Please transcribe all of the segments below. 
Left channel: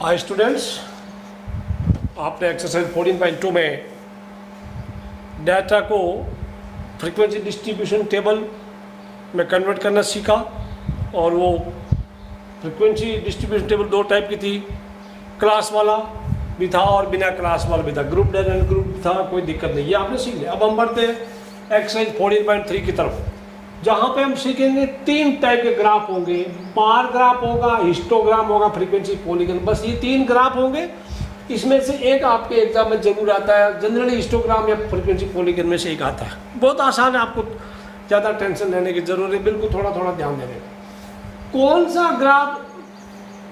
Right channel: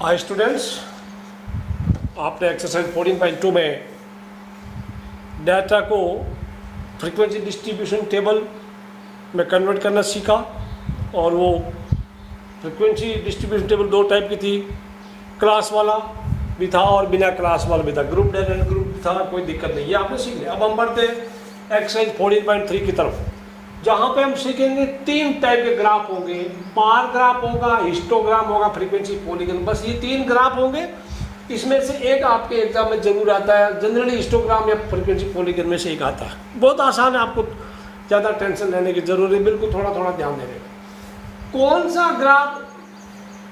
Hi students, आपने exercise 14.2 में data को फ्रीक्वेंसी डिस्ट्रीब्यूशन टेबल में कन्वर्ट करना सीखा। और वो फ्रीक्वेंसी डिस्ट्रीब्यूशन टेबल दो टाइप की थी, क्लास वाला भी था और बिना क्लास वाला भी था, ग्रुप डेन एंड ग्रुप भी था, कोई दिक्कत नहीं, ये आपने सीख लिया। अब हम बढ़ते हैं एक्सरसाइज 14.3 की तरफ, जहाँ पे हम सीखेंगे तीन टाइप के ग्राफ होंगे, बार ग्राफ होगा, हिस्टोग्राम होगा, फ्रीक्वेंसी पॉलीगन। बस ये तीन ग्राफ होंगे, इसमें से एक आपके एग्जाम में जरूर आता है, जनरली हिस्टोग्राम या फ्रीक्वेंसी पॉलीगन में से एक आता है। बहुत आसान है, आपको ज़्यादा टेंशन लेने की जरूरत है, बिल्कुल थोड़ा थोड़ा ध्यान देने का। कौन सा ग्राफ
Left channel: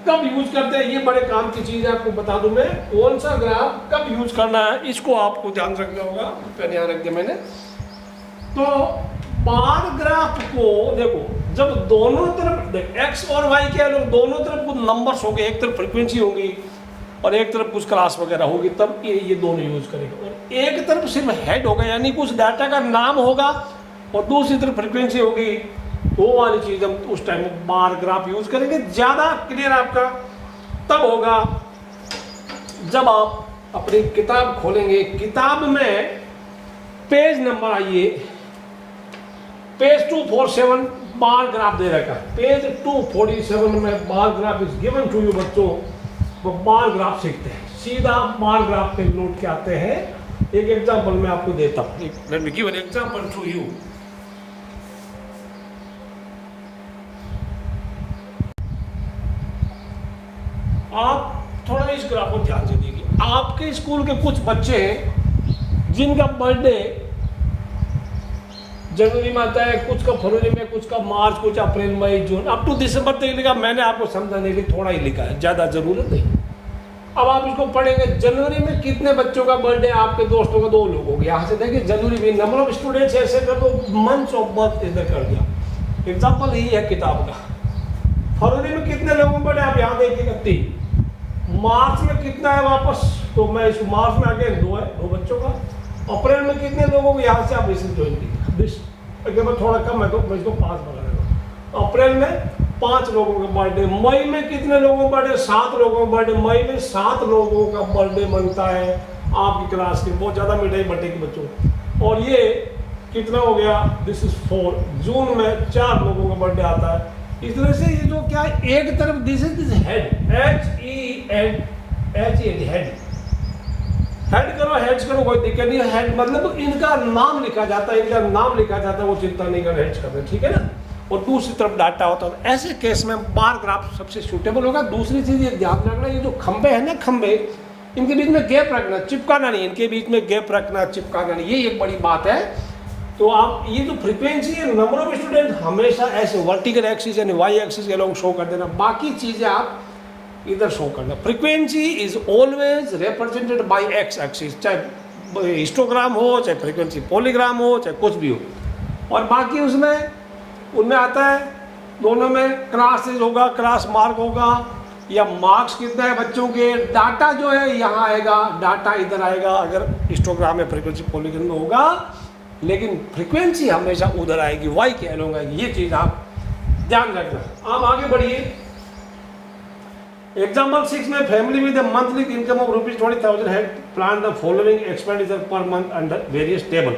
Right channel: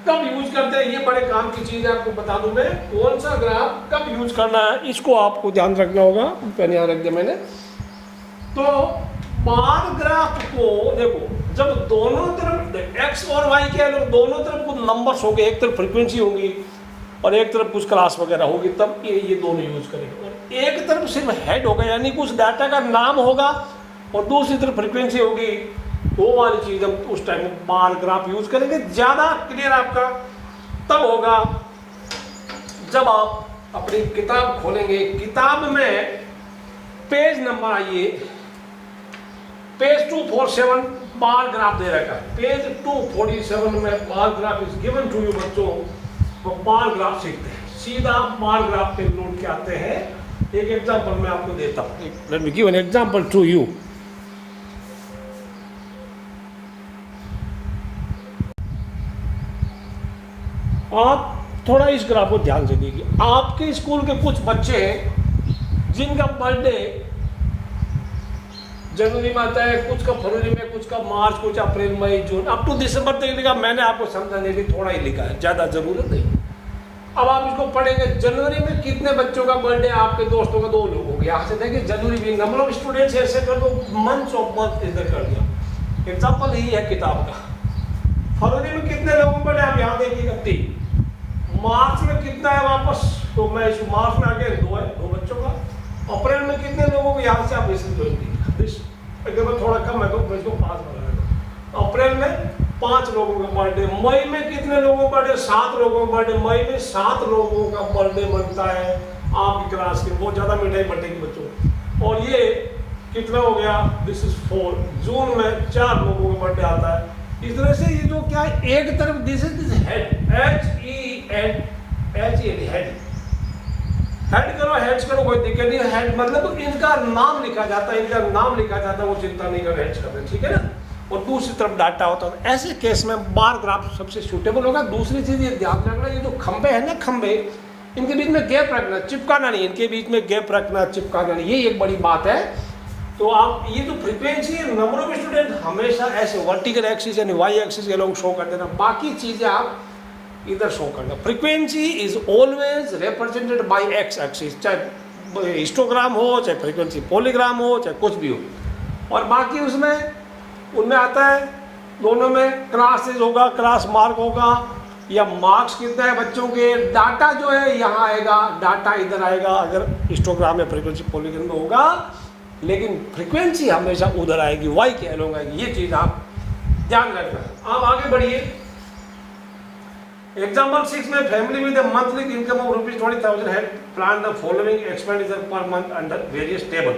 कब यूज करते हैं, ये बड़े काम की चीज़ है, आपको बता दूं मैं। कौन सा ग्राफ कब यूज करना है, इसको आपको ध्यान रखना होगा। पेन यहाँ रख दिया मैंने। तो बार ग्राफ को देखो, जब दोनों तरफ एक्स और वाई के लोग दोनों तरफ कुछ नंबर्स होंगे, एक तरफ फ्रीक्वेंसी होगी और एक तरफ कुछ क्लास वगैरह होगी, तब ये दोनों यूज करेंगे। और एक तरफ सिर्फ हेड होगा, यानी कुछ डाटा का नाम होगा, और दूसरी तरफ फ्रीक्वेंसी होगी, वो वाली चीज हम उस टाइम बार ग्राफ यूज करेंगे। ज्यादा क्लियर आपका तब होगा जब आप अपनी किताब खोलेंगे। किताब में पेज नंबर आइए, पेज 247 बार ग्राफ दे रखा है। पेज 247 में bar graph is given to you. बच्चों वो बार ग्राफ सीखते हैं, सीधा बार ग्राफ पे नोट के आते हैं। एक एग्जांपल मैं आपको देता हूं, let me give an example to you. आप थोड़ा इस ग्राफ को ध्यान से देखिए। आपके स्कूल के कुछ बच्चे हैं जिनका बर्थडे जनवरी में आता है, कुछ का फरवरी में, कुछ का मार्च, कुछ अप्रैल, मई, जून, अप टू दिसंबर तक लिखा। मैंने आपको समझाने के लिए थोड़ा ही लिखा है, ज्यादा जरूरत नहीं। अब आप इसको पढ़ेंगे, जनवरी में कितने बच्चों का बर्थडे, आपके दोस्तों का 2 लोगों का। यहाँ से देखिए जनवरी में नंबर ऑफ स्टूडेंट्स ऐसे कर दो, मंथ्स ऑफ बर्थ इधर कर दिया। एग्जाम्पल यही है किताब का। फरवरी में कितने लोगों का बर्थडे, आप यहाँ देखिएगा 3। मार्च में कितना है वापस, तो मैं इस मार्च में आगे 2 है, 2 बच्चों का। अप्रैल में कितने लोगों को, यहाँ से आप इसे ज्वाइन कीजिए। अगर मैं थोड़ा कम है तो मैं इसको 5 बना देगा। अप्रैल में 5 लोगों का बर्थडे। मई में कितने लोगों का बर्थडे, 7 लोगों का बर्थडे। मई में 7 लोगों का बर्थडे बनता है आपकी क्लास के, बहुत ज्यादा मिठाई बर्थडे के बच्चों। और ये कितना हो गया, दिस इज 4। जून में 4 लोगों का बर्थडे आता है। इस तरह से ये जो क्या है, एक तरफ दिस इज हेड, हेड करो, हेड्स करो, कोई दिक्कत नहीं। हेड मतलब इनका नाम लिखा जाता है, इनका नाम लिखा जाता है, वो चिंता नहीं कर, हेड्स कर रहे, ठीक है ना। और दूसरी तरफ डाटा होता है। ऐसे केस में बार ग्राफ सबसे सूटेबल होगा। दूसरी चीज ये ध्यान रखना, ये जो खंबे है ना, खंबे, इनके बीच में गैप रखना, चिपकाना नहीं, इनके बीच में गैप रखना, चिपकाना नहीं, ये एक बड़ी बात है। तो आप ये जो फ्रीक्वेंसी है, नंबर ऑफ स्टूडेंट हमेशा ऐसे वर्टिकल एक्सिस यानी वाई एक्सिस के लोग शो कर देना, बाकी चीजें आप इधर शो करना। Frequency is always represented by x axis, चाहे हिस्टोग्राम हो, चाहे फ्रीक्वेंसी पॉलीग्राम हो, चाहे कुछ भी हो। और बाकी उसमें उनमें आता है, दोनों में क्लासेस होगा, क्लास मार्क होगा, या मार्क्स कितना है बच्चों के। डाटा जो है यहाँ आएगा, डाटा इधर आएगा अगर हिस्टोग्राम या फ्रीक्वेंसी पॉलीगन में होगा, लेकिन फ्रीक्वेंसी हमेशा उधर आएगी, वाई के एलोंग आएगी। ये चीज आप ध्यान रखना। आप आगे बढ़िए। एग्जाम्पल 6 में family with monthly income of ₹20,000 had plan the following expenditure per month under various table.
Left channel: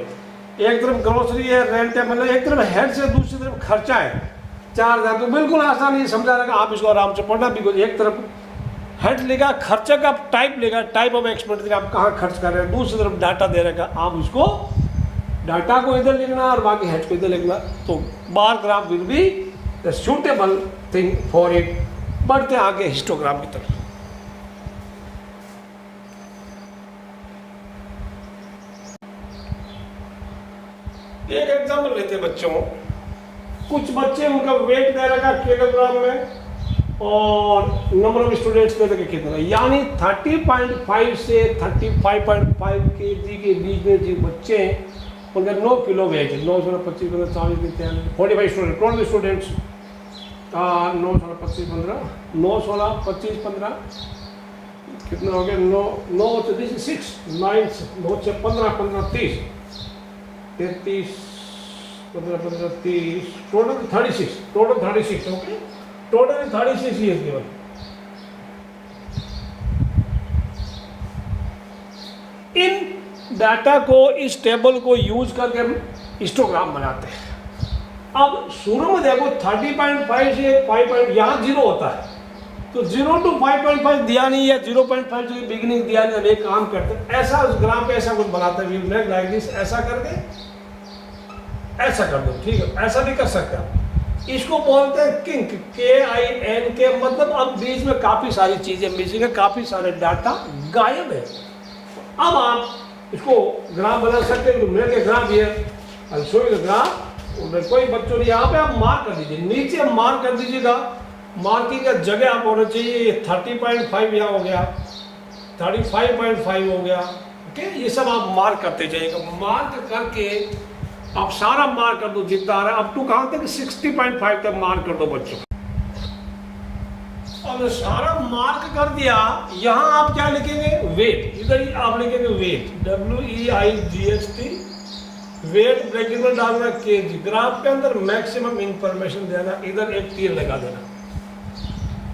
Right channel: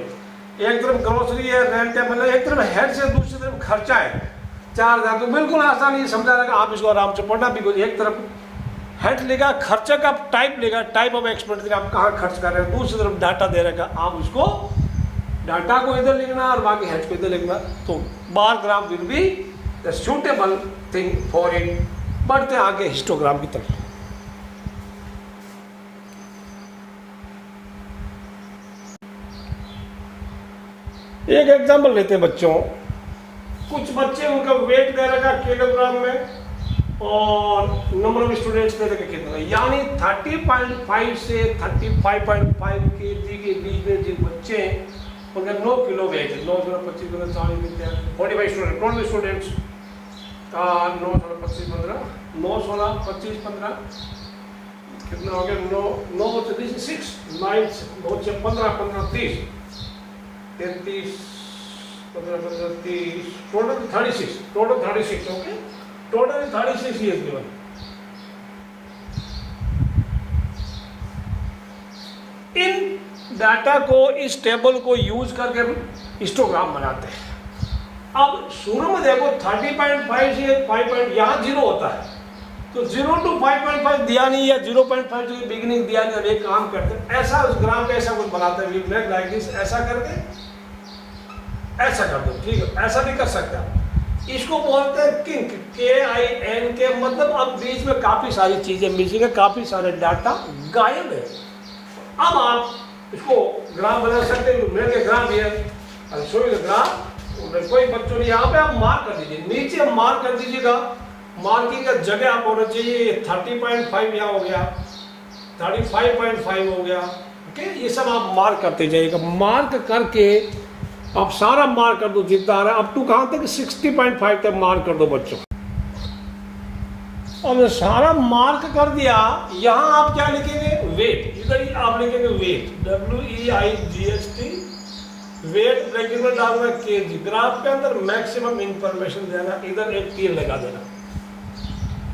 एक तरफ ग्रोसरी है, रेंट है, मतलब एक तरफ हेड से दूसरी तरफ खर्चा है 4,000। तो बिल्कुल आसान ये समझा रखा, आप इसको आराम से पढ़ना। बिल्कुल एक तरफ हेड लेगा, खर्चा का टाइप लेगा, टाइप ऑफ एक्सपेंडिचर आप कहाँ खर्च कर रहे हैं, दूसरी तरफ डाटा दे रखा, आप उसको डाटा को इधर लिखना और बाकी हेड को इधर लिखना। तो bar graph will be the suitable thing for it. बढ़ते आगे हिस्टोग्राम की तरफ। एक एग्जांपल लेते हैं बच्चों। कुछ बच्चे, उनका वेट दे रखा किलोग्राम में और नंबर ऑफ स्टूडेंट्स दे रखा कितना, यानी 30.5 से 35.5 kg के बीच में जो बच्चे हैं उनका 9 किलो वेट है। 9 16 25 15 40 45 स्टूडेंट, कौन भी स्टूडेंट्स 9 16 25 15 9 16 25 15 कितना हो गया, 9 से 6 9 9 6 15 15 30 33 15 15 30 total 36 okay. Total 36 years given. इन डाटा को, इस टेबल को यूज करके हम हिस्टोग्राम बनाते हैं. अब शुरू में देखो 30.5 से 5. यहाँ 0 होता है, तो 0 to 5.5 दिया नहीं या 0.5 से बिगिनिंग दिया नहीं. अब एक काम करते हैं, ऐसा उस ग्राम पे ऐसा कुछ बनाते हैं, मेक लाइक दिस, ऐसा करके ऐसा कर दो. ठीक है, ऐसा भी कर सकते हैं. इसको बोलते हैं किंक, KINK. मतलब अब बीच में काफी सारी चीजें मिसिंग है, काफी सारे डाटा गायब है. अब आप इसको ग्राफ बना सकते हैं. मेरे ग्राफ ये ग्राफ, कोई बच्चों ने यहाँ पे आप मार्क कर दीजिए, नीचे मार्क कर दीजिएगा. मार्किंग का जगह आप होना चाहिए. 30.5 यहाँ हो गया, 35.5 हो गया. ओके, ये सब आप मार्क करते जाइएगा. मार्क करके आप सारा मार्क कर दो जितना आ रहा है. अप टू कहाँ तक? 60.5 तक मार्क कर दो बच्चों. अब सारा मार्क कर दिया. यहाँ आप क्या लिखेंगे? वेट. इधर ही आप लिखेंगे वेट, WEIGHT. वेट ब्रैकेट में डालना kg. ग्राफ के अंदर मैक्सिमम इंफॉर्मेशन देना. इधर एक तीर लगा देना.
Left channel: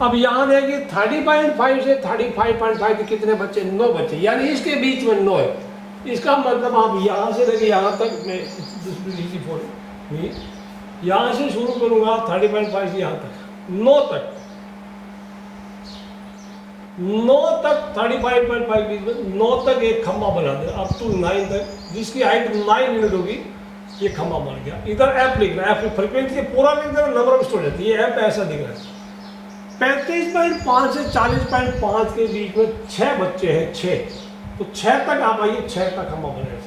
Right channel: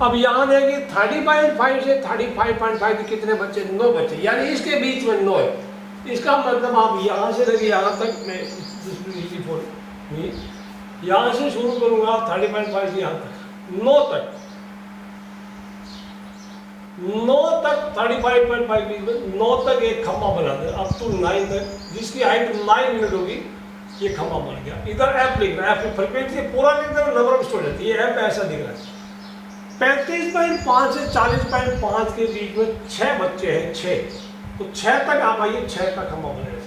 अब यहाँ देखिए 30.5 से 35.5 के कितने बच्चे? 9 बच्चे, यानी इसके बीच में 9 है. इसका मतलब आप यहाँ से लेके यहाँ तक, मैं यहाँ से शुरू करूंगा 30.5 से यहाँ तक 9 तक 35.5 बीच में 9 तक एक खंभा बना दे. अप टू 9 तक, जिसकी हाइट 9 यूनिट होगी, ये खंभा बन गया. इधर एफ लिखना है, एफ फ्रीक्वेंसी पूरा लिख देना, नंबर ऑफ स्टूडेंट. ये एफ ऐसा दिख रहा है. 35.5 से 40.5 के बीच में 6 बच्चे हैं. 6, तो 6 तक आप आइए, 6 का खंभा बनेगा.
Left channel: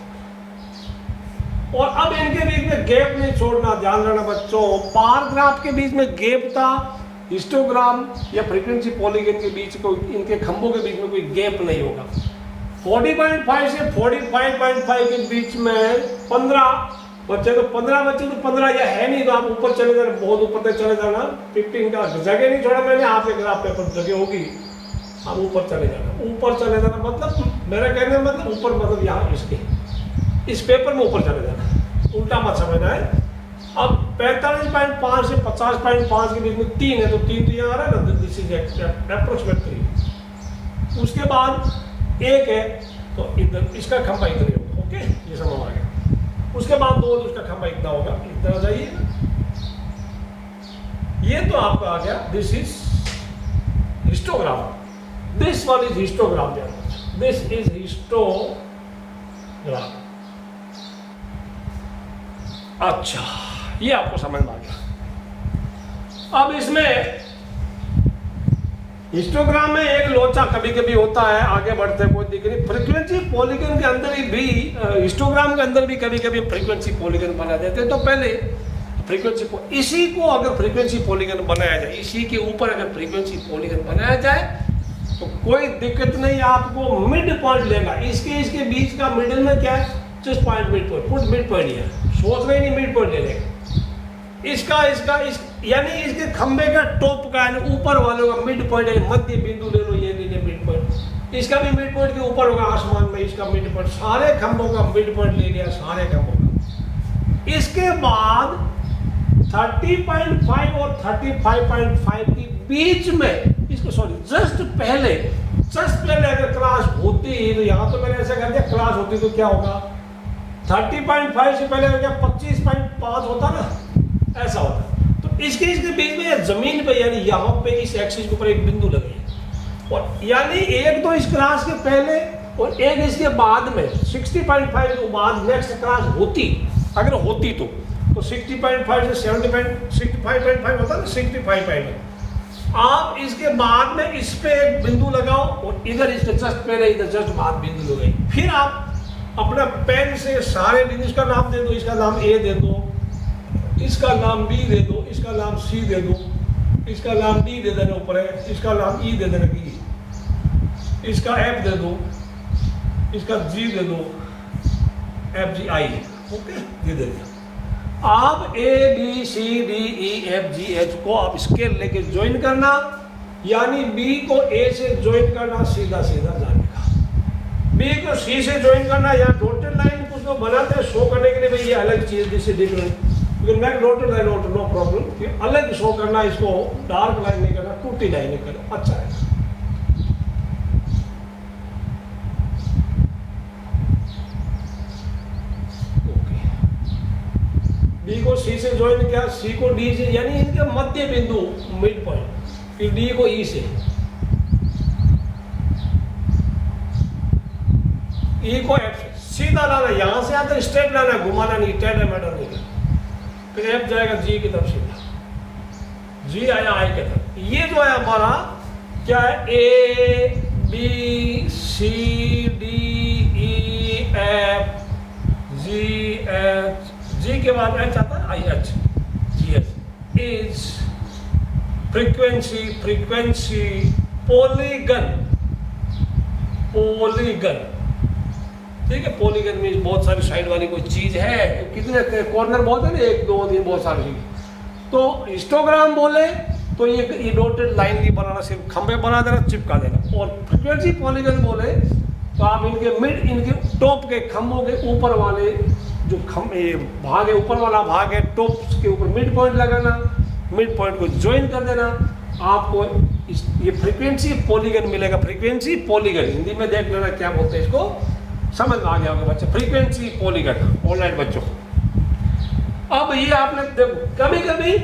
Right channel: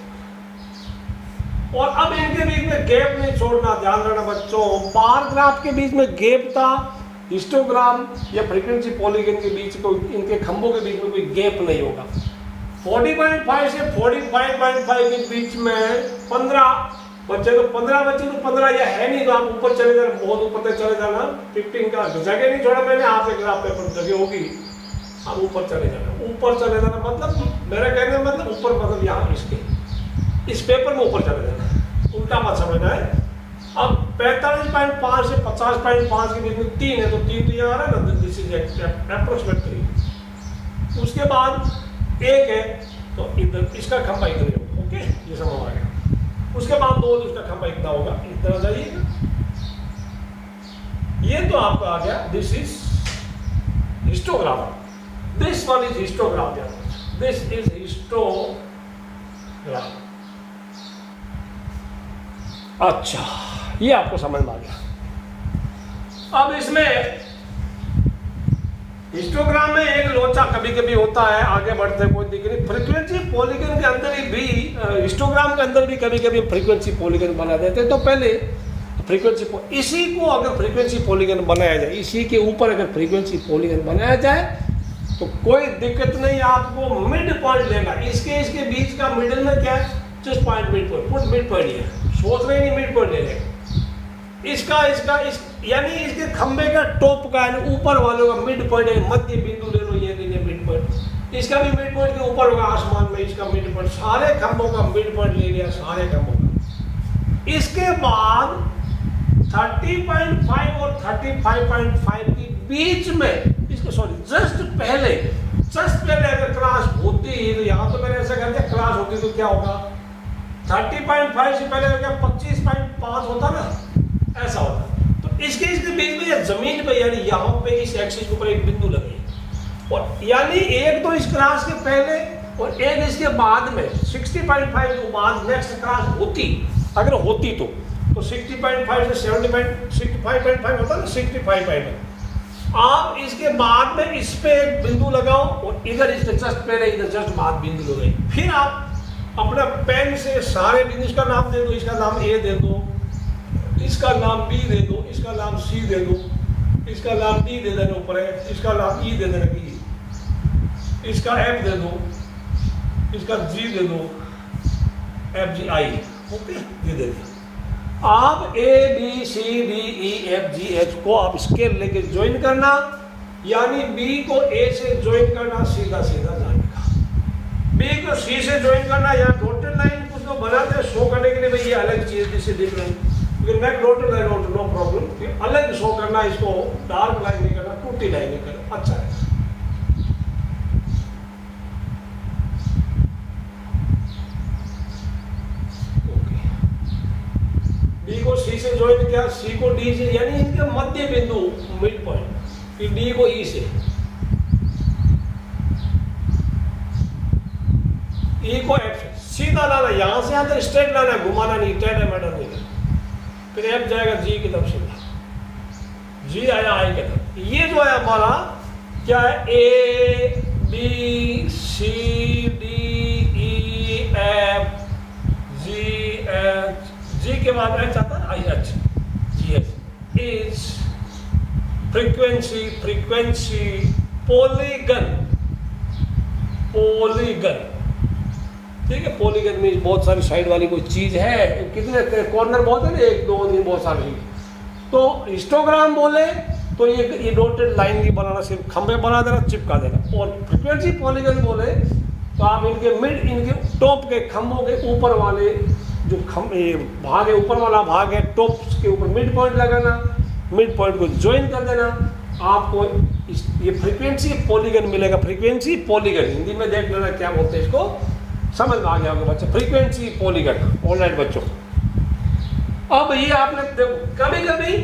और अब इनके बीच में गैप नहीं छोड़ना. ध्यान रखना बच्चों, बार ग्राफ के बीच में गैप था, हिस्टोग्राम या फ्रीक्वेंसी पॉलीगन के बीच को, इनके खंभों के बीच में कोई गैप नहीं होगा. 40.5 से 45.5 के बीच में 15 बच्चे, तो 15 बच्चे तो 15 या है नहीं, तो आप ऊपर चले जाना, बहुत ऊपर तक चले जाना. 15 का जगह नहीं छोड़ा मैंने, आप एक ग्राफ पेपर जगह होगी, आप ऊपर चले जाना. ऊपर चले जाना मतलब, मेरा कहने का मतलब ऊपर मतलब यहाँ इसके, इस पेपर में ऊपर चले जाना, उल्टा मत समझना है. अब 45.5 से 50.5 के बीच में 3 है, तो 3 तो यहाँ आ रहा है ना, दिस इज अप्रोक्सीमेट 3. उसके बाद 1 है, तो इधर इसका खंभा इतना होगा. ओके, ये समझ आ गया. उसके बाद 2, उसका खंभा इतना होगा, इतना जाइए ना. ये तो आपका आ गया. This is histogram. This one is histogram. This is histogram. अच्छा, ये आपको समझ में आ गया. अब इसमें हिस्टोग्राम में एक लोचा कभी कभी होता है. आगे बढ़ते कोई दिक्कत नहीं. फ्रीक्वेंसी पॉलीगन के अंदर भी हिस्टोग्राम के अंदर भी कभी कभी फ्रीक्वेंसी पॉलीगन बना देते हैं. तो पहले फ्रीक्वेंसी, इसी को अगर फ्रीक्वेंसी पॉलीगन बनाया जाए, इसी के ऊपर अगर फ्रीक्वेंसी पॉलीगन बनाया जाए तो कोई दिक्कत नहीं. आपको मिड पॉइंट लेगा. इसके बीच का मिडिल में क्या है? जिस point mid point, put mid point है. सोच रहे नहीं, मिड पॉइंट ले लेगा. इसका यानी इसके खंबे का टॉप का, यानी ऊपर वालों का मिड पॉइंट है. मध्य बिंदु ले लो, ये लीजिए मिड पॉइंट. इसका भी मिड पॉइंट के ऊपर होगा आसमान में, इसका मिड पॉइंट. सारे खंभों का मिड पॉइंट ले लिया, सारे खंभों का. इसके बाद 30.5 और 35.5 के बीच में, इसको सॉरी जस्ट पहले अगर क्लास होती, तो यहाँ तो मैंने ऐसा कर दिया, क्लास होती तो क्या होगा? 30.5 से पहले क्या 25.5 होता ना, ऐसा होता. तो इसके बीच में या जमीन पे, यानी यहाँ पे इस एक्सिस के ऊपर एक बिंदु लगे, और यानी एक तो इस क्लास के पहले और एक इसके बाद में 60.5 के बाद नेक्स्ट क्लास होती, अगर होती तो 60.5 से 65.5 होता ना, 65.5. आप इसके बाद में इस पे एक बिंदु लगाओ, और इधर इसके जस्ट पहले, इधर जस्ट बाद बिंदु लगाए. फिर आप अपना पेन से सारे बिंदु, इसका नाम दे दो, इसका नाम ए दे दो, इसका नाम बी दे दो, इसका नाम सी दे दो, इसका नाम डी दे देना ऊपर है, इसका नाम ई दे देना, इसका एफ दे दो, इसका जी दे दो, एफ जी आई. ओके, ये दे दिया. आप A B C D E F G H को आप स्केल लेके ज्वाइन करना, यानी बी को ए से ज्वाइन करना, सीधा सीधा जाने का. बी को सी से ज्वाइन करना, या डॉटेड लाइन कुछ लोग बनाते हैं शो करने के लिए, भाई ये अलग चीज जिससे दिख रही. You can make dotted line out, no problem. अलग शो करना, इसको डार्क लाइन नहीं करना, टूटी लाइन नहीं करना, अच्छा है। डी को सी से ज्वाइन किया, सी को डी से, यानी इनके मध्य बिंदु मिड पॉइंट, फिर डी को ई से, ई को एफ से सीधा लाना, यहां से आता स्ट्रेट लाना, घुमाना नहीं, टेढ़ा मेढ़ा नहीं करना। फिर एफ जाएगा जी की तरफ सीधा, जी आया आई की तरफ। ये जो है हमारा क्या है, A B C D E F G H, G के बाद एच आता है, I H, G H is frequency, frequency polygon, polygon, ठीक है। पॉलीगन में बहुत सारी साइड वाली कोई चीज है, कितने कॉर्नर बहुत है ना, 1 2 3 बहुत सारी चीज। तो हिस्टोग्राम बोले तो ये डॉटेड लाइन नहीं बनाना, सिर्फ खंबे बना देना, चिपका देना। और फ्रीक्वेंसी पॉलीगन बोले तो आप इनके मिड, इनके टॉप के खंभों के ऊपर वाले जो भाग है, ऊपर वाला भाग है, टॉप के ऊपर मिड पॉइंट लगाना, मिड पॉइंट को ज्वाइन कर देना, आपको ये फ्रीक्वेंसी पॉलीगन मिलेगा। फ्रीक्वेंसी पॉलीगन हिंदी में देख लेना क्या बोलते हैं, इसको समझ में आ गया होगा बच्चे, फ्रीक्वेंसी पॉलीगन। ऑलराइट बच्चों, अब ये आपने देखो, कभी कभी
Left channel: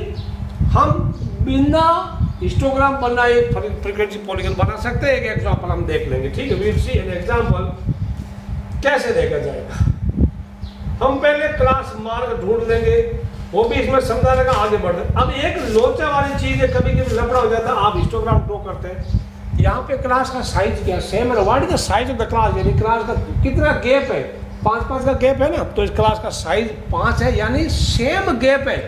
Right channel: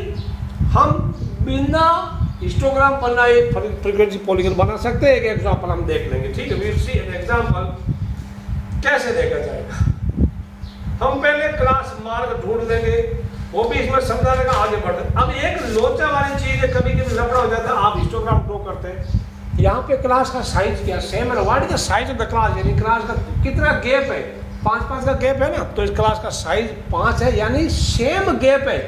हम बिना हिस्टोग्राम बनाए फ्रीक्वेंसी पॉलीगन बना सकते हैं। एक एग्जांपल हम देख लेंगे, ठीक है। We will see an example, कैसे देखा जाएगा। हम पहले क्लास मार्क ढूंढ लेंगे, वो भी इसमें समझाने का, आगे बढ़। अब एक लोचा वाली चीज है, कभी कभी लफड़ा हो जाता है, आप हिस्टोग्राम ड्रॉ करते हैं। यहाँ पे क्लास का साइज क्या सेम है, what is the size of the class, यानी क्लास का कितना गैप है, 5 का गैप है ना, तो इस क्लास का साइज 5 है, यानी सेम गैप है।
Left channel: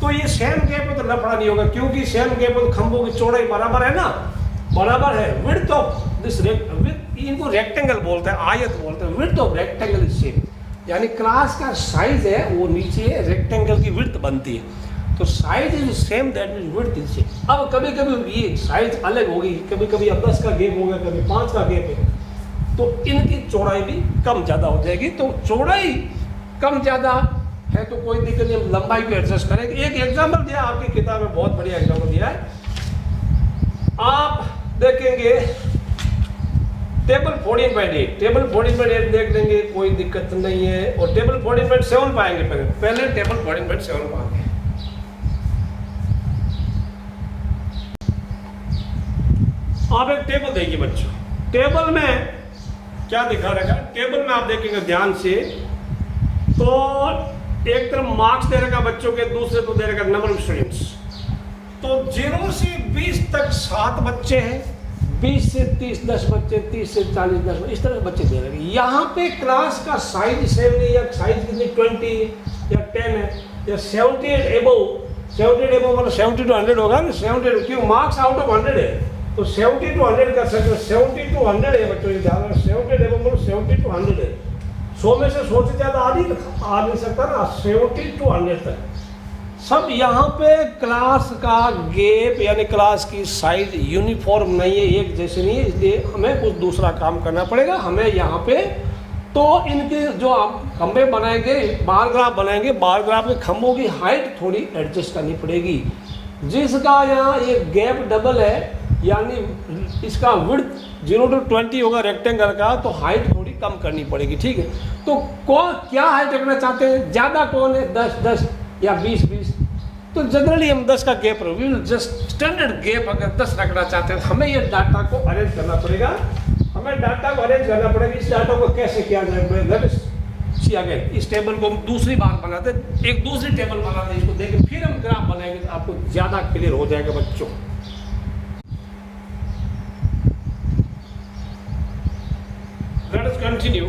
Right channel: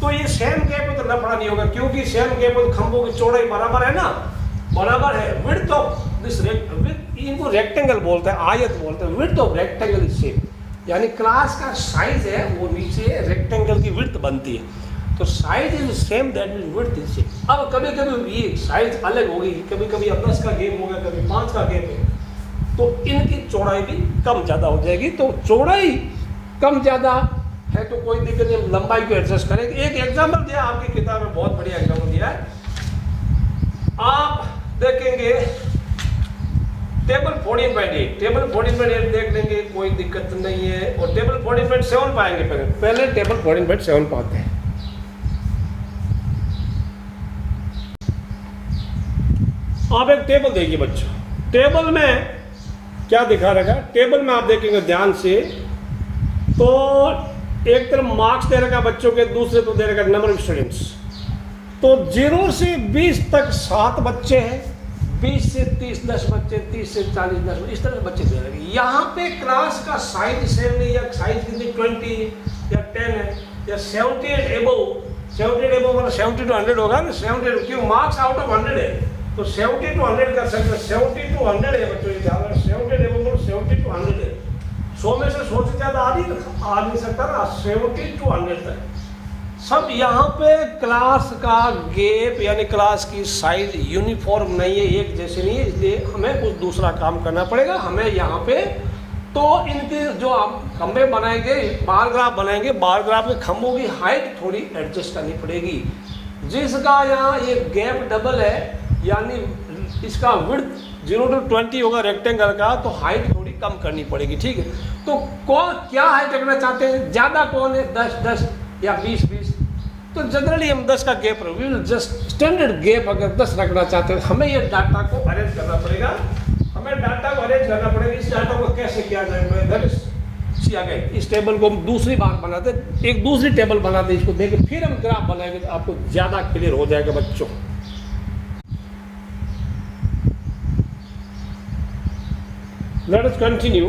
तो ये सेम गैप है तो लफड़ा नहीं होगा, क्योंकि सेम गैप है, खंभों की चौड़ाई बराबर है ना, बराबर है। विड्थ ऑफ दिस इनको रेक्टेंगल बोलते हैं, आयत बोलते हैं। Width of rectangle is same, यानी क्लास का साइज है वो नीचे रेक्टेंगल की विड्थ बनती है, तो size is same, that mean width is same. अब कभी कभी ये साइज अलग होगी, कभी कभी अब 10 का गैप होगा, कभी 5 का गैप है, तो इनकी चौड़ाई भी कम ज्यादा हो जाएगी। तो चौड़ाई कम ज्यादा है तो कोई दिक्कत नहीं, लंबाई को एडजस्ट करेंगे। एक एग्जाम्पल दिया आपकी किताब में, बहुत बढ़िया एग्जाम्पल दिया है। आप देखेंगे टेबल 14.8, टेबल 14.8 देख लेंगे, कोई दिक्कत नहीं है। और टेबल 14.7 पाएंगे, पहले टेबल 14.7 पाते हैं। आप एक टेबल देखिए बच्चों, टेबल में क्या दिखा रखा है, टेबल में आप देखेंगे ध्यान से, तो एक तरफ मार्क्स दे रखा बच्चों के, दूसरे तो दे रखा नंबर ऑफ स्टूडेंट्स। तो 0 से 20 तक 7 बच्चे हैं, 20 से 30 10 बच्चे, 30 से 40 10 बच्चे, इस तरह बच्चे दे रखे। यहाँ पे क्लास का साइज सेम नहीं, या साइज कितनी 20 या 10 है, या 70 एबोव, 70 एबोव मतलब 70 to 100 होगा ना, 70, क्यों मार्क्स आउट ऑफ 100 है, तो 70 to 100 कर सकते हैं। 70 to 100 है बच्चों, ये ध्यान रखना, 70 एबोव मतलब 70 to 100 है। 100 में से 100 से ज्यादा आ नहीं सकता ना, 70 to 100 तक सब। यहाँ पे क्लास का गैप यानी क्लास की साइज यूनिफॉर्म नहीं है, एक जैसे नहीं है, इसलिए हमें कुछ दूसरा काम करना पड़ेगा। हमें यहाँ पे तो इनके जो आप खंभे बनाएंगे, बार ग्राफ बनाएंगे, बार ग्राफ के खंभों की हाइट थोड़ी एडजस्ट करनी पड़ेगी। जिसका यहाँ एक गैप डबल है, यानी इसका विड्थ 0 to 20 होगा रेक्टेंगल का, तो हाइट थोड़ी कम करनी पड़ेगी, ठीक है। तो कौन क्या हाइट रखना चाहते हैं, ज्यादा कौन है, 10 10 या 20 20, तो जनरली हम 10 का gap, we will just standard gap अगर 10 रखना चाहते हैं, हमें ये डाटा को अरेंज करना पड़ेगा। हमें डाटा को अरेंज करना पड़ेगा। इस डाटा को कैसे किया जाए, सी अगेन, इस टेबल को हम दूसरी बार बनाते, एक दूसरी टेबल बनाते, इसको देखें, फिर हम ग्राफ बनाएंगे तो आपको ज्यादा क्लियर हो जाएगा बच्चों। Let us continue.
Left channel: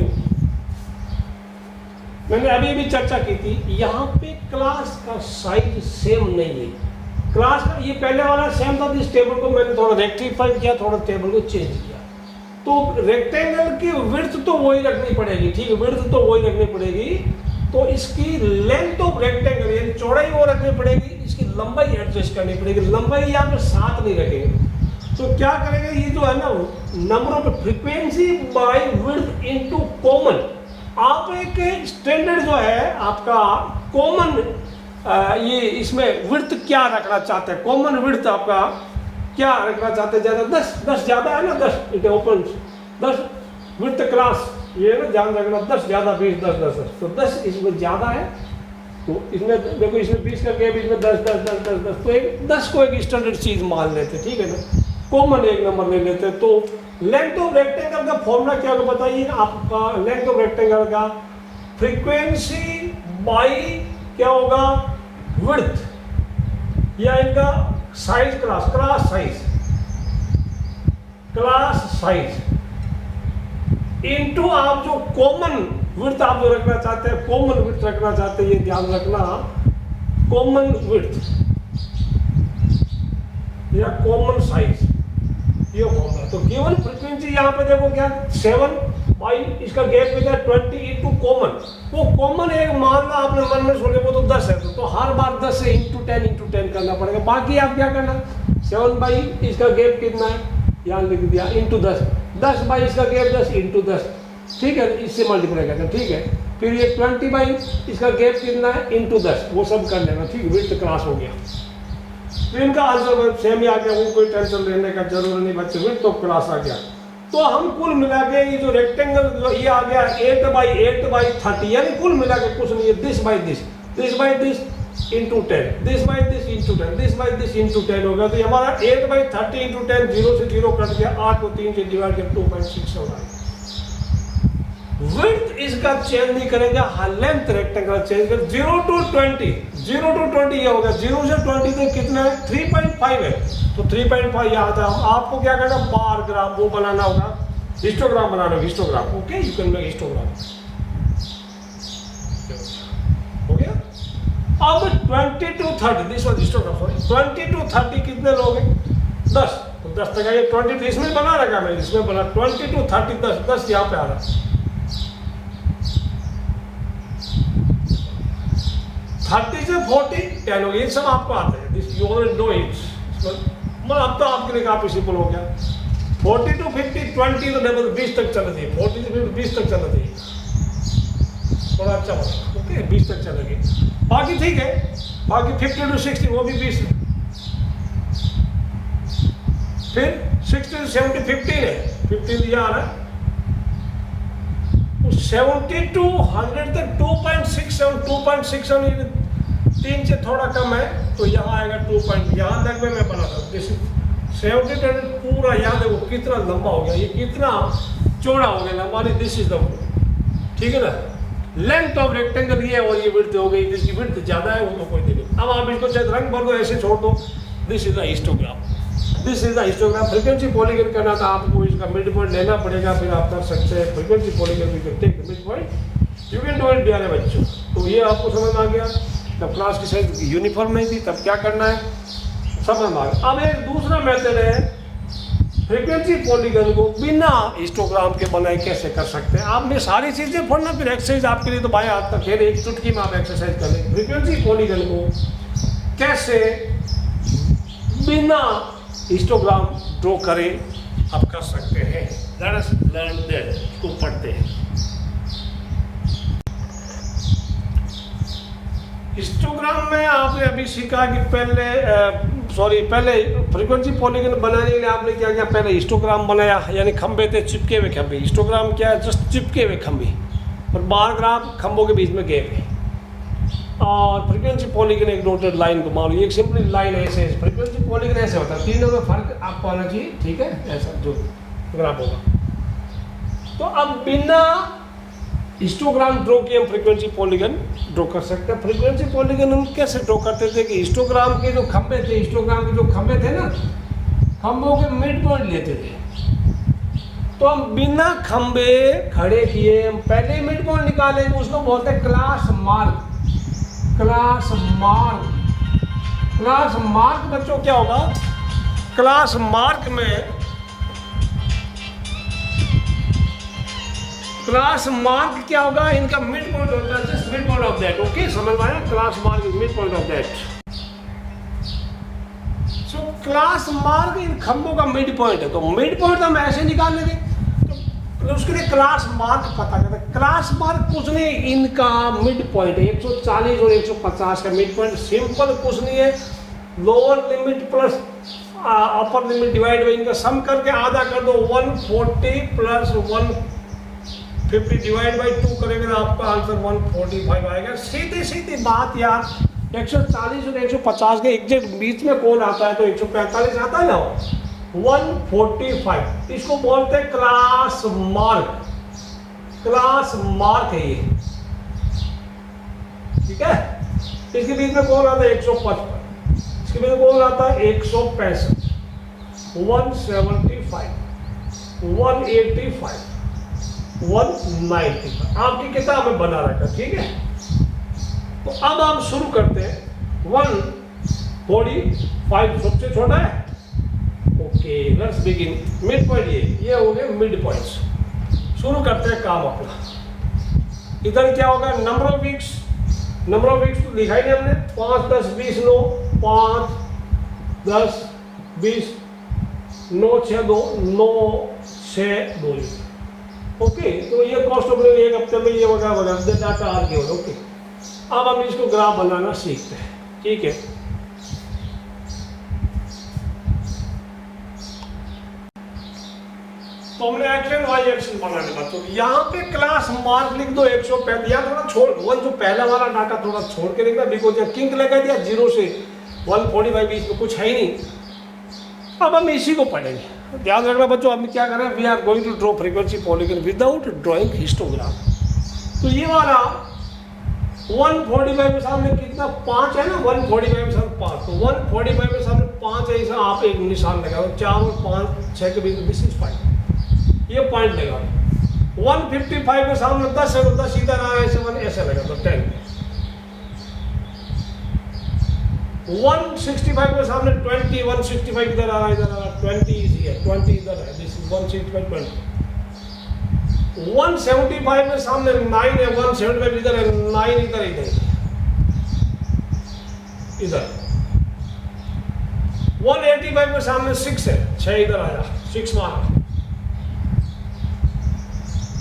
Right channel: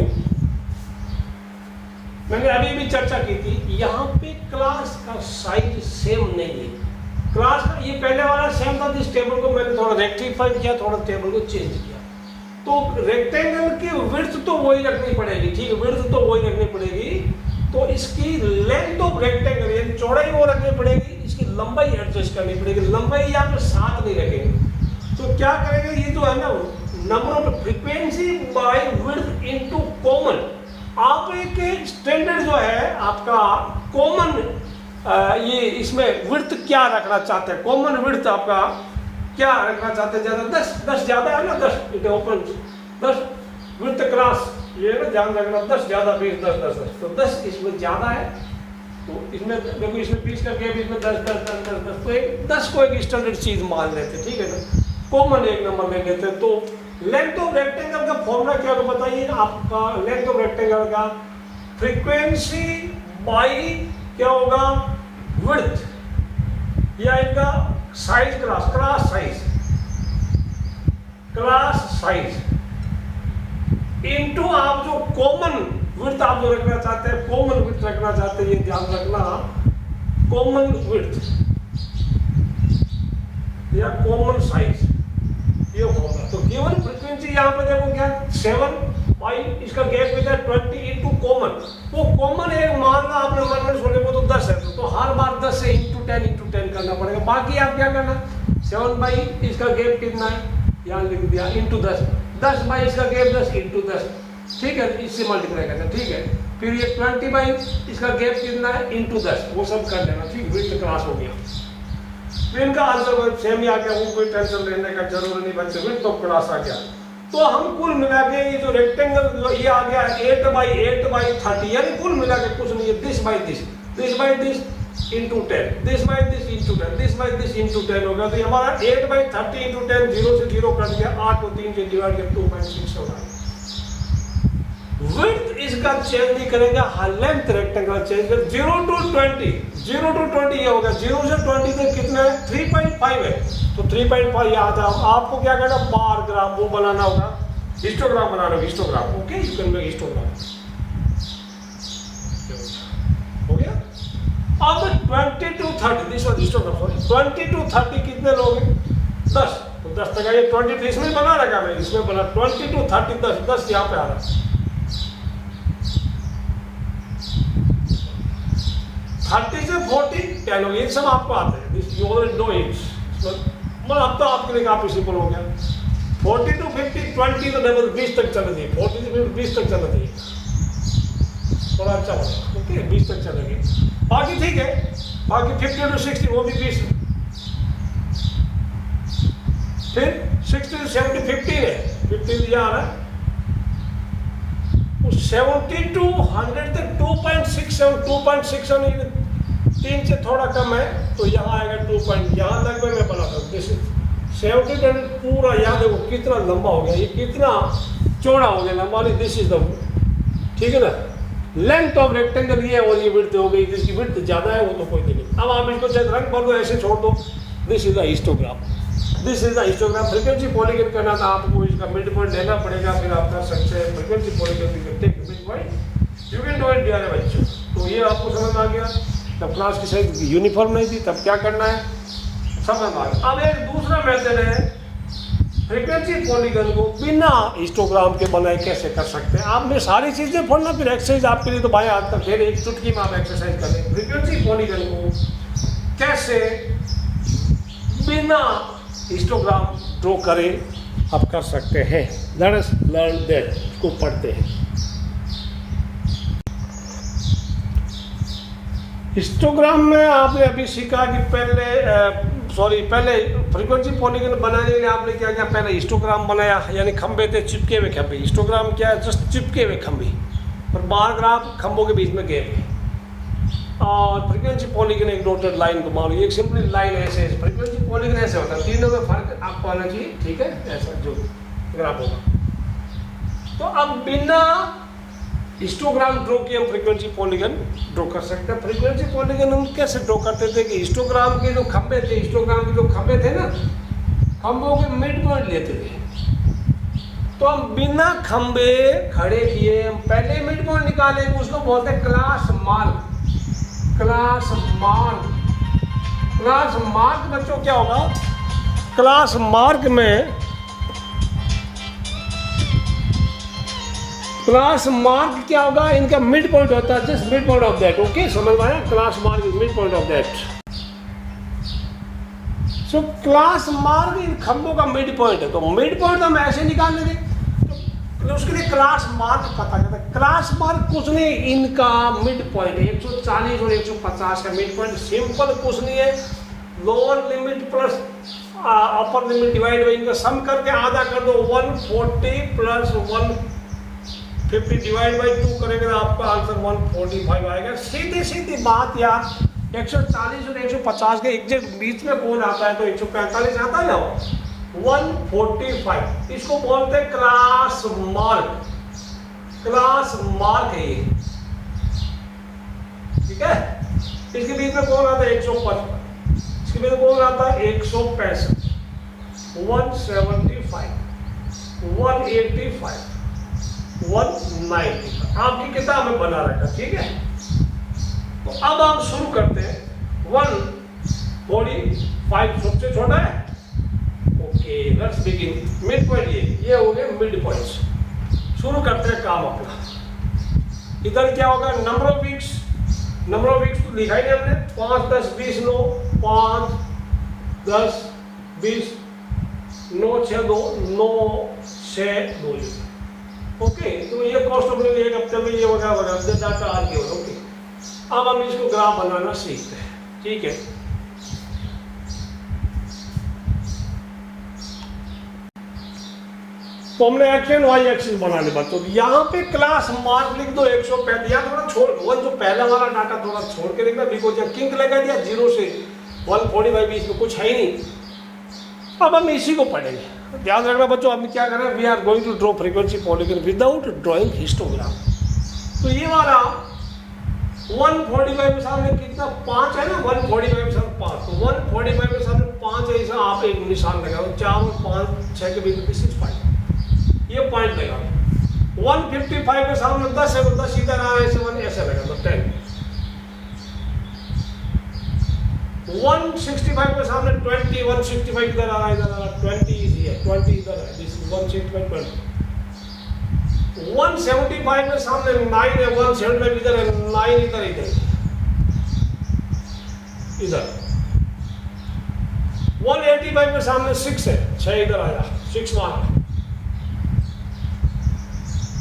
मैंने अभी भी चर्चा की थी, यहाँ पे क्लास का साइज सेम नहीं है। क्लास का ये पहले वाला सेम था, इस टेबल को मैंने थोड़ा रेक्टिफाई किया, थोड़ा टेबल को चेंज किया। तो रेक्टेंगल की विड्थ तो वही रखनी पड़ेगी, ठीक है, विड्थ तो वही रखनी पड़ेगी। तो इसकी लेंथ ऑफ रेक्टेंगल यानी चौड़ाई वो रखनी पड़ेगी, इसकी लंबाई एडजस्ट करनी पड़ेगी। लंबाई यहाँ पे 7 नहीं रखेंगे, तो क्या करेंगे, ये जो है ना number of frequency by width into common. आप एक स्टैंडर्ड जो है आपका कॉमन ये इसमें विड्थ क्या रखना चाहते हैं, कॉमन विड्थ आपका क्या रखना चाहते हैं, ज्यादा 10 ज्यादा है ना, 10 इट ओपन 10 विड्थ क्लास, ये ना ध्यान रखना, 10 ज्यादा 20 10 तो 10 इसमें ज्यादा है, तो इसमें देखो इसमें 20 का गैप, इसमें 10 तो एक 10 को एक स्टैंडर्ड चीज मान लेते, ठीक है ना, कॉमन एक नंबर ले लेते। तो लेंथ ऑफ रेक्टेंगल का फॉर्मूला क्या होगा बताइए आपका, लेंथ ऑफ रेक्टेंगल का फ्रीक्वेंसी बाई क्या होगा विड्थ, या इनका साइज क्लास साइज इनटू आप जो कॉमन विड्थ आप जो रखना चाहते हैं, कॉमन विड्थ रखना चाहते हैं, ये ध्यान रखना, कॉमन विड्थ या कॉमन साइज, ये फॉर्मूला। तो गिवन फ्रीक्वेंसी यहाँ पे देखो क्या 7 बाई इसका गैप हो जाए 20 इंटू कॉमन, वो कॉमन एक मान लो आपने मन में सोचे वो तो 10 है, तो हर बार 10 से इंटू 10 करना पड़ेगा। बाकी आप क्या करना 7 बाई इसका गैप कितना है यहाँ लिख दिया इंटू 10 बाई इसका गैप 10 इंटू 10, ठीक है, इससे मल्टीप्लाई करना, ठीक है। फिर ये 20 बाई इसका गैप कितना है इंटू 10, वो सब कर लेना, ठीक है, विड्थ क्रॉस हो गया। तो इनका आंसर सेम ही आ गया, वो कोई टेंशन लेने का जरूर नहीं बच्चे, विड्थ ऑफ क्लास आ गया। तो हम कुल मिला के ये जो रेक्टेंगल जो ये आ गया 8 बाई 30, यानी कुल मिला के कुछ नहीं है, this by this into 10, this by this into 10, this by this into 10 हो गया। तो हमारा 8 बाई 30 इंटू 10 0 से 0 कट गया, 8 को 3 से डिवाइड किया 2.6 हो रहा है। विड्थ इसका चेंज नहीं करेंगे, लेंथ रेक्टेंगल चेंज कर 0 टू 20 ये हो गया, 0 से 20 तक कितना है 3.5 है, तो 3.5 यहाँ था। आपको क्या करना बार ग्राम वो बनाना होगा, हिस्टोग्राम बनाना होगा, histogram, okay, you can make histogram, हो गया। अब 20 to 30 this was histogram, 20 to 30 कितने लोग हैं 10, तो 10 तक आइए, 20 इसमें बना रखा मैं, इसमें बना 20 टू 30 10 यहाँ पे आ रहा है, 30 से 40 10 हो गया, ये सब आपको आते हैं, this you already know it, मतलब अब तो आपके लिए काफी सिंपल हो गया। 40 टू 50 20 तो लेवल 20 तक चल रही है, 40 से 20 तक चल रही है, थोड़ा अच्छा बना, ओके 20 तक चलेगी, बाकी ठीक है, बाकी 50 टू 60 वो भी 20, फिर 60 टू 70 15 है, 15 दिया आ रहा है, 70 टू 100 तक 2.67 3 से थोड़ा कम है, तो यहाँ आएगा 2 पॉइंट, यहाँ तक में मैं बनाता हूँ, दिस 70 टू पूरा याद है वो कितना लंबा हो गया, ये कितना चौड़ा हो गया लंबा, दिस इज द, ठीक है ना, लेंथ ऑफ रेक्टेंगल ये और ये विड्थ हो गई, जिसकी विड्थ ज्यादा है वो तो कोई नहीं। अब आप इसको चाहे रंग भर दो ऐसे छोड़ दो, this is the histogram, this is the histogram. Frequency polygon करना था आपको, इसका मिड पॉइंट लेना पड़ेगा, फिर आप कर सकते हैं frequency polygon, you can take the mid point, you can do it प्यारे बच्चों। तो ये आपको समझ में आ गया, जब क्लास की साइज यूनिफॉर्म नहीं थी तब क्या करना है समझ में आ गया। अब एक दूसरा मेथड है, फ्रीक्वेंसी पॉलीगन को बिना हिस्टोग्राम के बनाए कैसे कर सकते हैं। आपने सारी चीजें पढ़ना, फिर एक्सरसाइज आपके लिए तो बाएं हाथ का खेल, एक चुटकी में आप एक्सरसाइज कर लेंगे। फ्रीक्वेंसी पॉलीगन को कैसे बिना हिस्टोग्राम ड्रॉ करें आप कर सकते हैं, लेट अस लर्न दैट, को पढ़ते हैं। हिस्टोग्राम में आपने अभी सीखा कि पहले फ्रीक्वेंसी पॉलीगन बनाने के लिए आपने क्या किया, पहले हिस्टोग्राम बनाया, यानी खंबे थे चिपके हुए खंबे, हिस्टोग्राम क्या है जस्ट चिपके हुए खंबे, और बार ग्राफ खंबों के बीच में गैप है, और फ्रीक्वेंसी पॉलीगन एक डॉटेड लाइन को मान लो, एक सिंपल लाइन ऐसे, फ्रीक्वेंसी पॉलीगन ऐसे होता है, तीनों में फर्क आपको आना चाहिए, ठीक है, ऐसा जो ग्राफ होगा। तो अब बिना हिस्टोग्राम ड्रॉ किए हम फ्रीक्वेंसी पॉलीगन ड्रॉ कर सकते हैं। फ्रीक्वेंसी पॉलीगन हम कैसे ड्रॉ करते थे कि हिस्टोग्राम के जो खंबे थे, हिस्टोग्राम के जो खंबे थे ना, खंबों के मिड पॉइंट लेते थे, तो हम बिना खंबे खड़े किए हम पहले मिड पॉइंट निकालेंगे, उसको बोलते हैं क्लास मार्क। क्लास मार्क बच्चों क्या होगा, क्लास मार्क में क्लास मार्क क्या होगा, इनका मिड पॉइंट होता है, just mid point of that, okay समझ में आया, class mark is mid point of that. So class mark in खंभों का मिड पॉइंट है, तो मिड पॉइंट हम ऐसे निकाल लेंगे, तो तो उसके लिए क्लास मार्क पता करता है। क्लास मार्क कुछ नहीं, इनका मिड पॉइंट है 140 और 150 का मिड पॉइंट, सिंपल कुछ नहीं है, lower limit plus upper limit divide by इनका सम करके आधा कर दो, 140 प्लस 150 डिवाइड बाई 2 करेंगे तो आपका आंसर 145 आएगा। सीधी सीधी बात यार, 140 और 150 के एग्जैक्ट बीच में कौन आता है तो 145 आता है ना, 145, इसको बोलते हैं क्लास मार्क। क्लास मार्क है ये, ठीक है। इसके बीच में कौन आता है 155, इसके बीच में कौन आता है 165, 175, 185, 195, आपकी किताब में बना रखा, ठीक है। तो अब हम शुरू करते हैं। 145 सबसे छोटा है, okay let's begin. Mid point ये हो गए मिड पॉइंट्स। शुरू करते हैं काम अपना। इधर क्या होगा, number of weeks, number of weeks तो लिखा ही नहीं हमने, 5 10 20 9, 5 10 20 9 6 2 9 6 2, ओके। तो ये कॉस्ट ऑफ लिविंग एक हफ्ते में ये वगैरह वगैरह डाटा आ गया, ओके। अब हम इसको ग्राफ बनाना सीखते हैं, ठीक है। तो हमने एक्स एंड वाई एक्सिस बना लिया बच्चों। यहाँ पे क्लास मार्क लिख दो 135, या थोड़ा छोड़ वन जो पहला वाला डाटा थोड़ा छोड़ के लिखना, बिकॉज जब किंक लगा दिया 0 से 145 बीच में कुछ है ही नहीं। अब हम इसी को पढ़ेंगे, ध्यान रखना बच्चों। हम क्या करें, we are going to draw frequency polygon without drawing histogram. तो ये वाला 145 के सामने कितना 5 है ना, 145 के सामने 5, तो 145 के सामने 5 है, ऐसा आप एक निशान लगाओ, 4 और 5 6 के बीच दिस इज 5, ये पॉइंट लगा। 155 के सामने 10 है तो 10 इधर आ ऐसे 1 ऐसे लगा तो 10। 165 के सामने 20, 165 इधर आ रहा, इधर आ रहा, 20 इज हियर, 20 इधर है, दिस इज 165 20। 175 के सामने 9 है, 175 इधर है, 9 इधर इधर इधर। 185 के सामने 6 है, 6 इधर आया, 6 मार्क।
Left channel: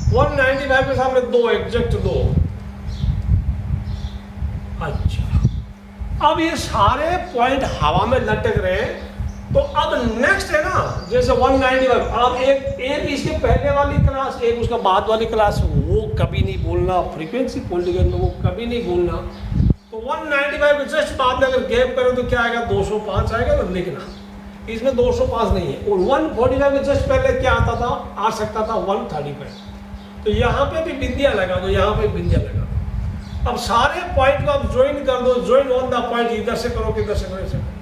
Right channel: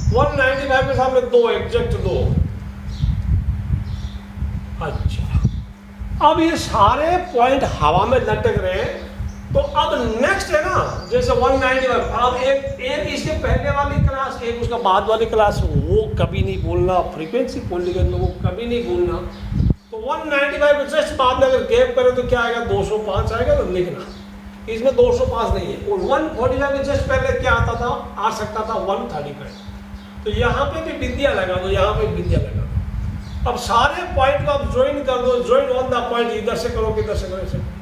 195 के सामने 2, एग्जैक्ट 2। अच्छा, अब ये सारे पॉइंट हवा में लटक रहे हैं। तो अब नेक्स्ट है ना, जैसे 195, अब एक इसके पहले वाली क्लास, एक उसका बाद वाली क्लास, वो कभी नहीं भूलना, फ्रीक्वेंसी पॉलीगन में वो कभी नहीं भूलना। तो 195 जस्ट बाद में अगर गैप करें तो क्या आएगा, 205 आएगा, तो लिखना इसमें 205 नहीं है। और 145 जस्ट पहले क्या आता था, आ सकता था 135। तो यहाँ पे भी बिंदिया लगा दो, यहाँ पे बिंदिया लगा दो। अब सारे पॉइंट को आप ज्वाइन कर दो, ज्वाइन ऑन द पॉइंट, इधर से करो किधर से करो, ऐसे करो,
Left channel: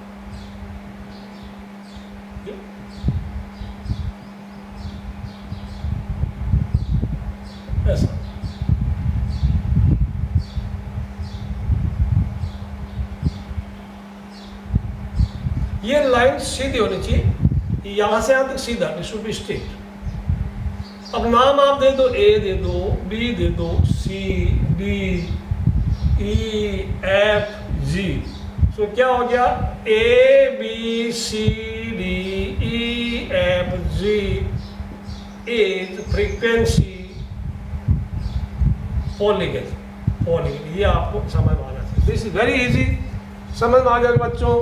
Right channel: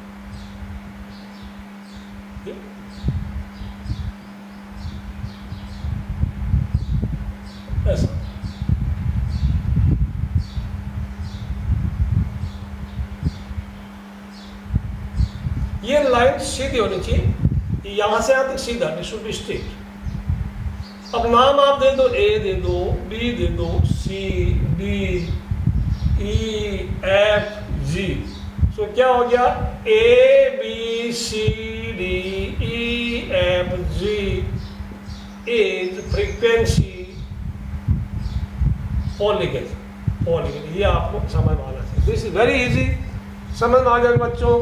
ऐसा। ये लाइन सीधी होनी चाहिए, यहां से यहां तक सीधा, इट शुड बी स्ट्रेट। अब नाम आप दे दो, ए दे दो, बी दे दो, सी डी ई एफ जी। तो क्या हो गया, A B C D E F G is frequency polygon. ये आपको समझ में आना चाहिए। दिस इज वेरी इजी, समझ में आ जाएगा बच्चों।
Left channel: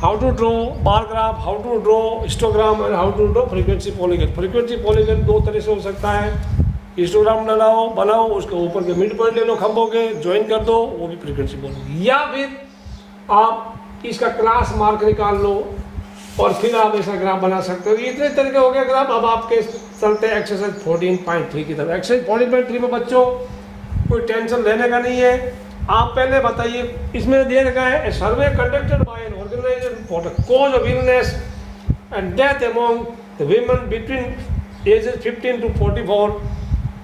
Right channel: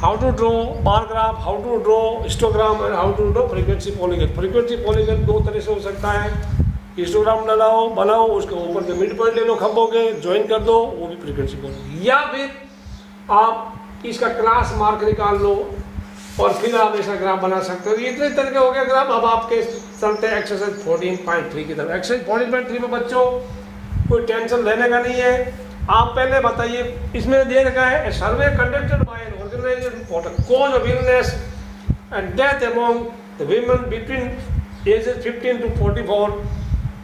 How to draw bar graph, how to draw histogram and how to draw frequency polygon. Frequency polygon 2 तरह से हो सकता है, हिस्टोग्राम बनाओ, उसके ऊपर के मिड पॉइंट ले लो खंभों के, ज्वाइन कर दो, वो भी फ्रीक्वेंसी पॉलीगन। या फिर आप इसका क्लास मार्क निकाल लो और फिर आप ऐसा ग्राफ बना सकते हो। इतने तरह के हो गए ग्राफ। अब आपके चलते हैं एक्सरसाइज 14.3 की तरफ। एक्सरसाइज 14.3 में बच्चों कोई टेंशन लेने का नहीं है। आप पहले बताइए, इसमें दे रखा है survey conducted by an organization for the cause of illness and death among the women between ages 15 to 44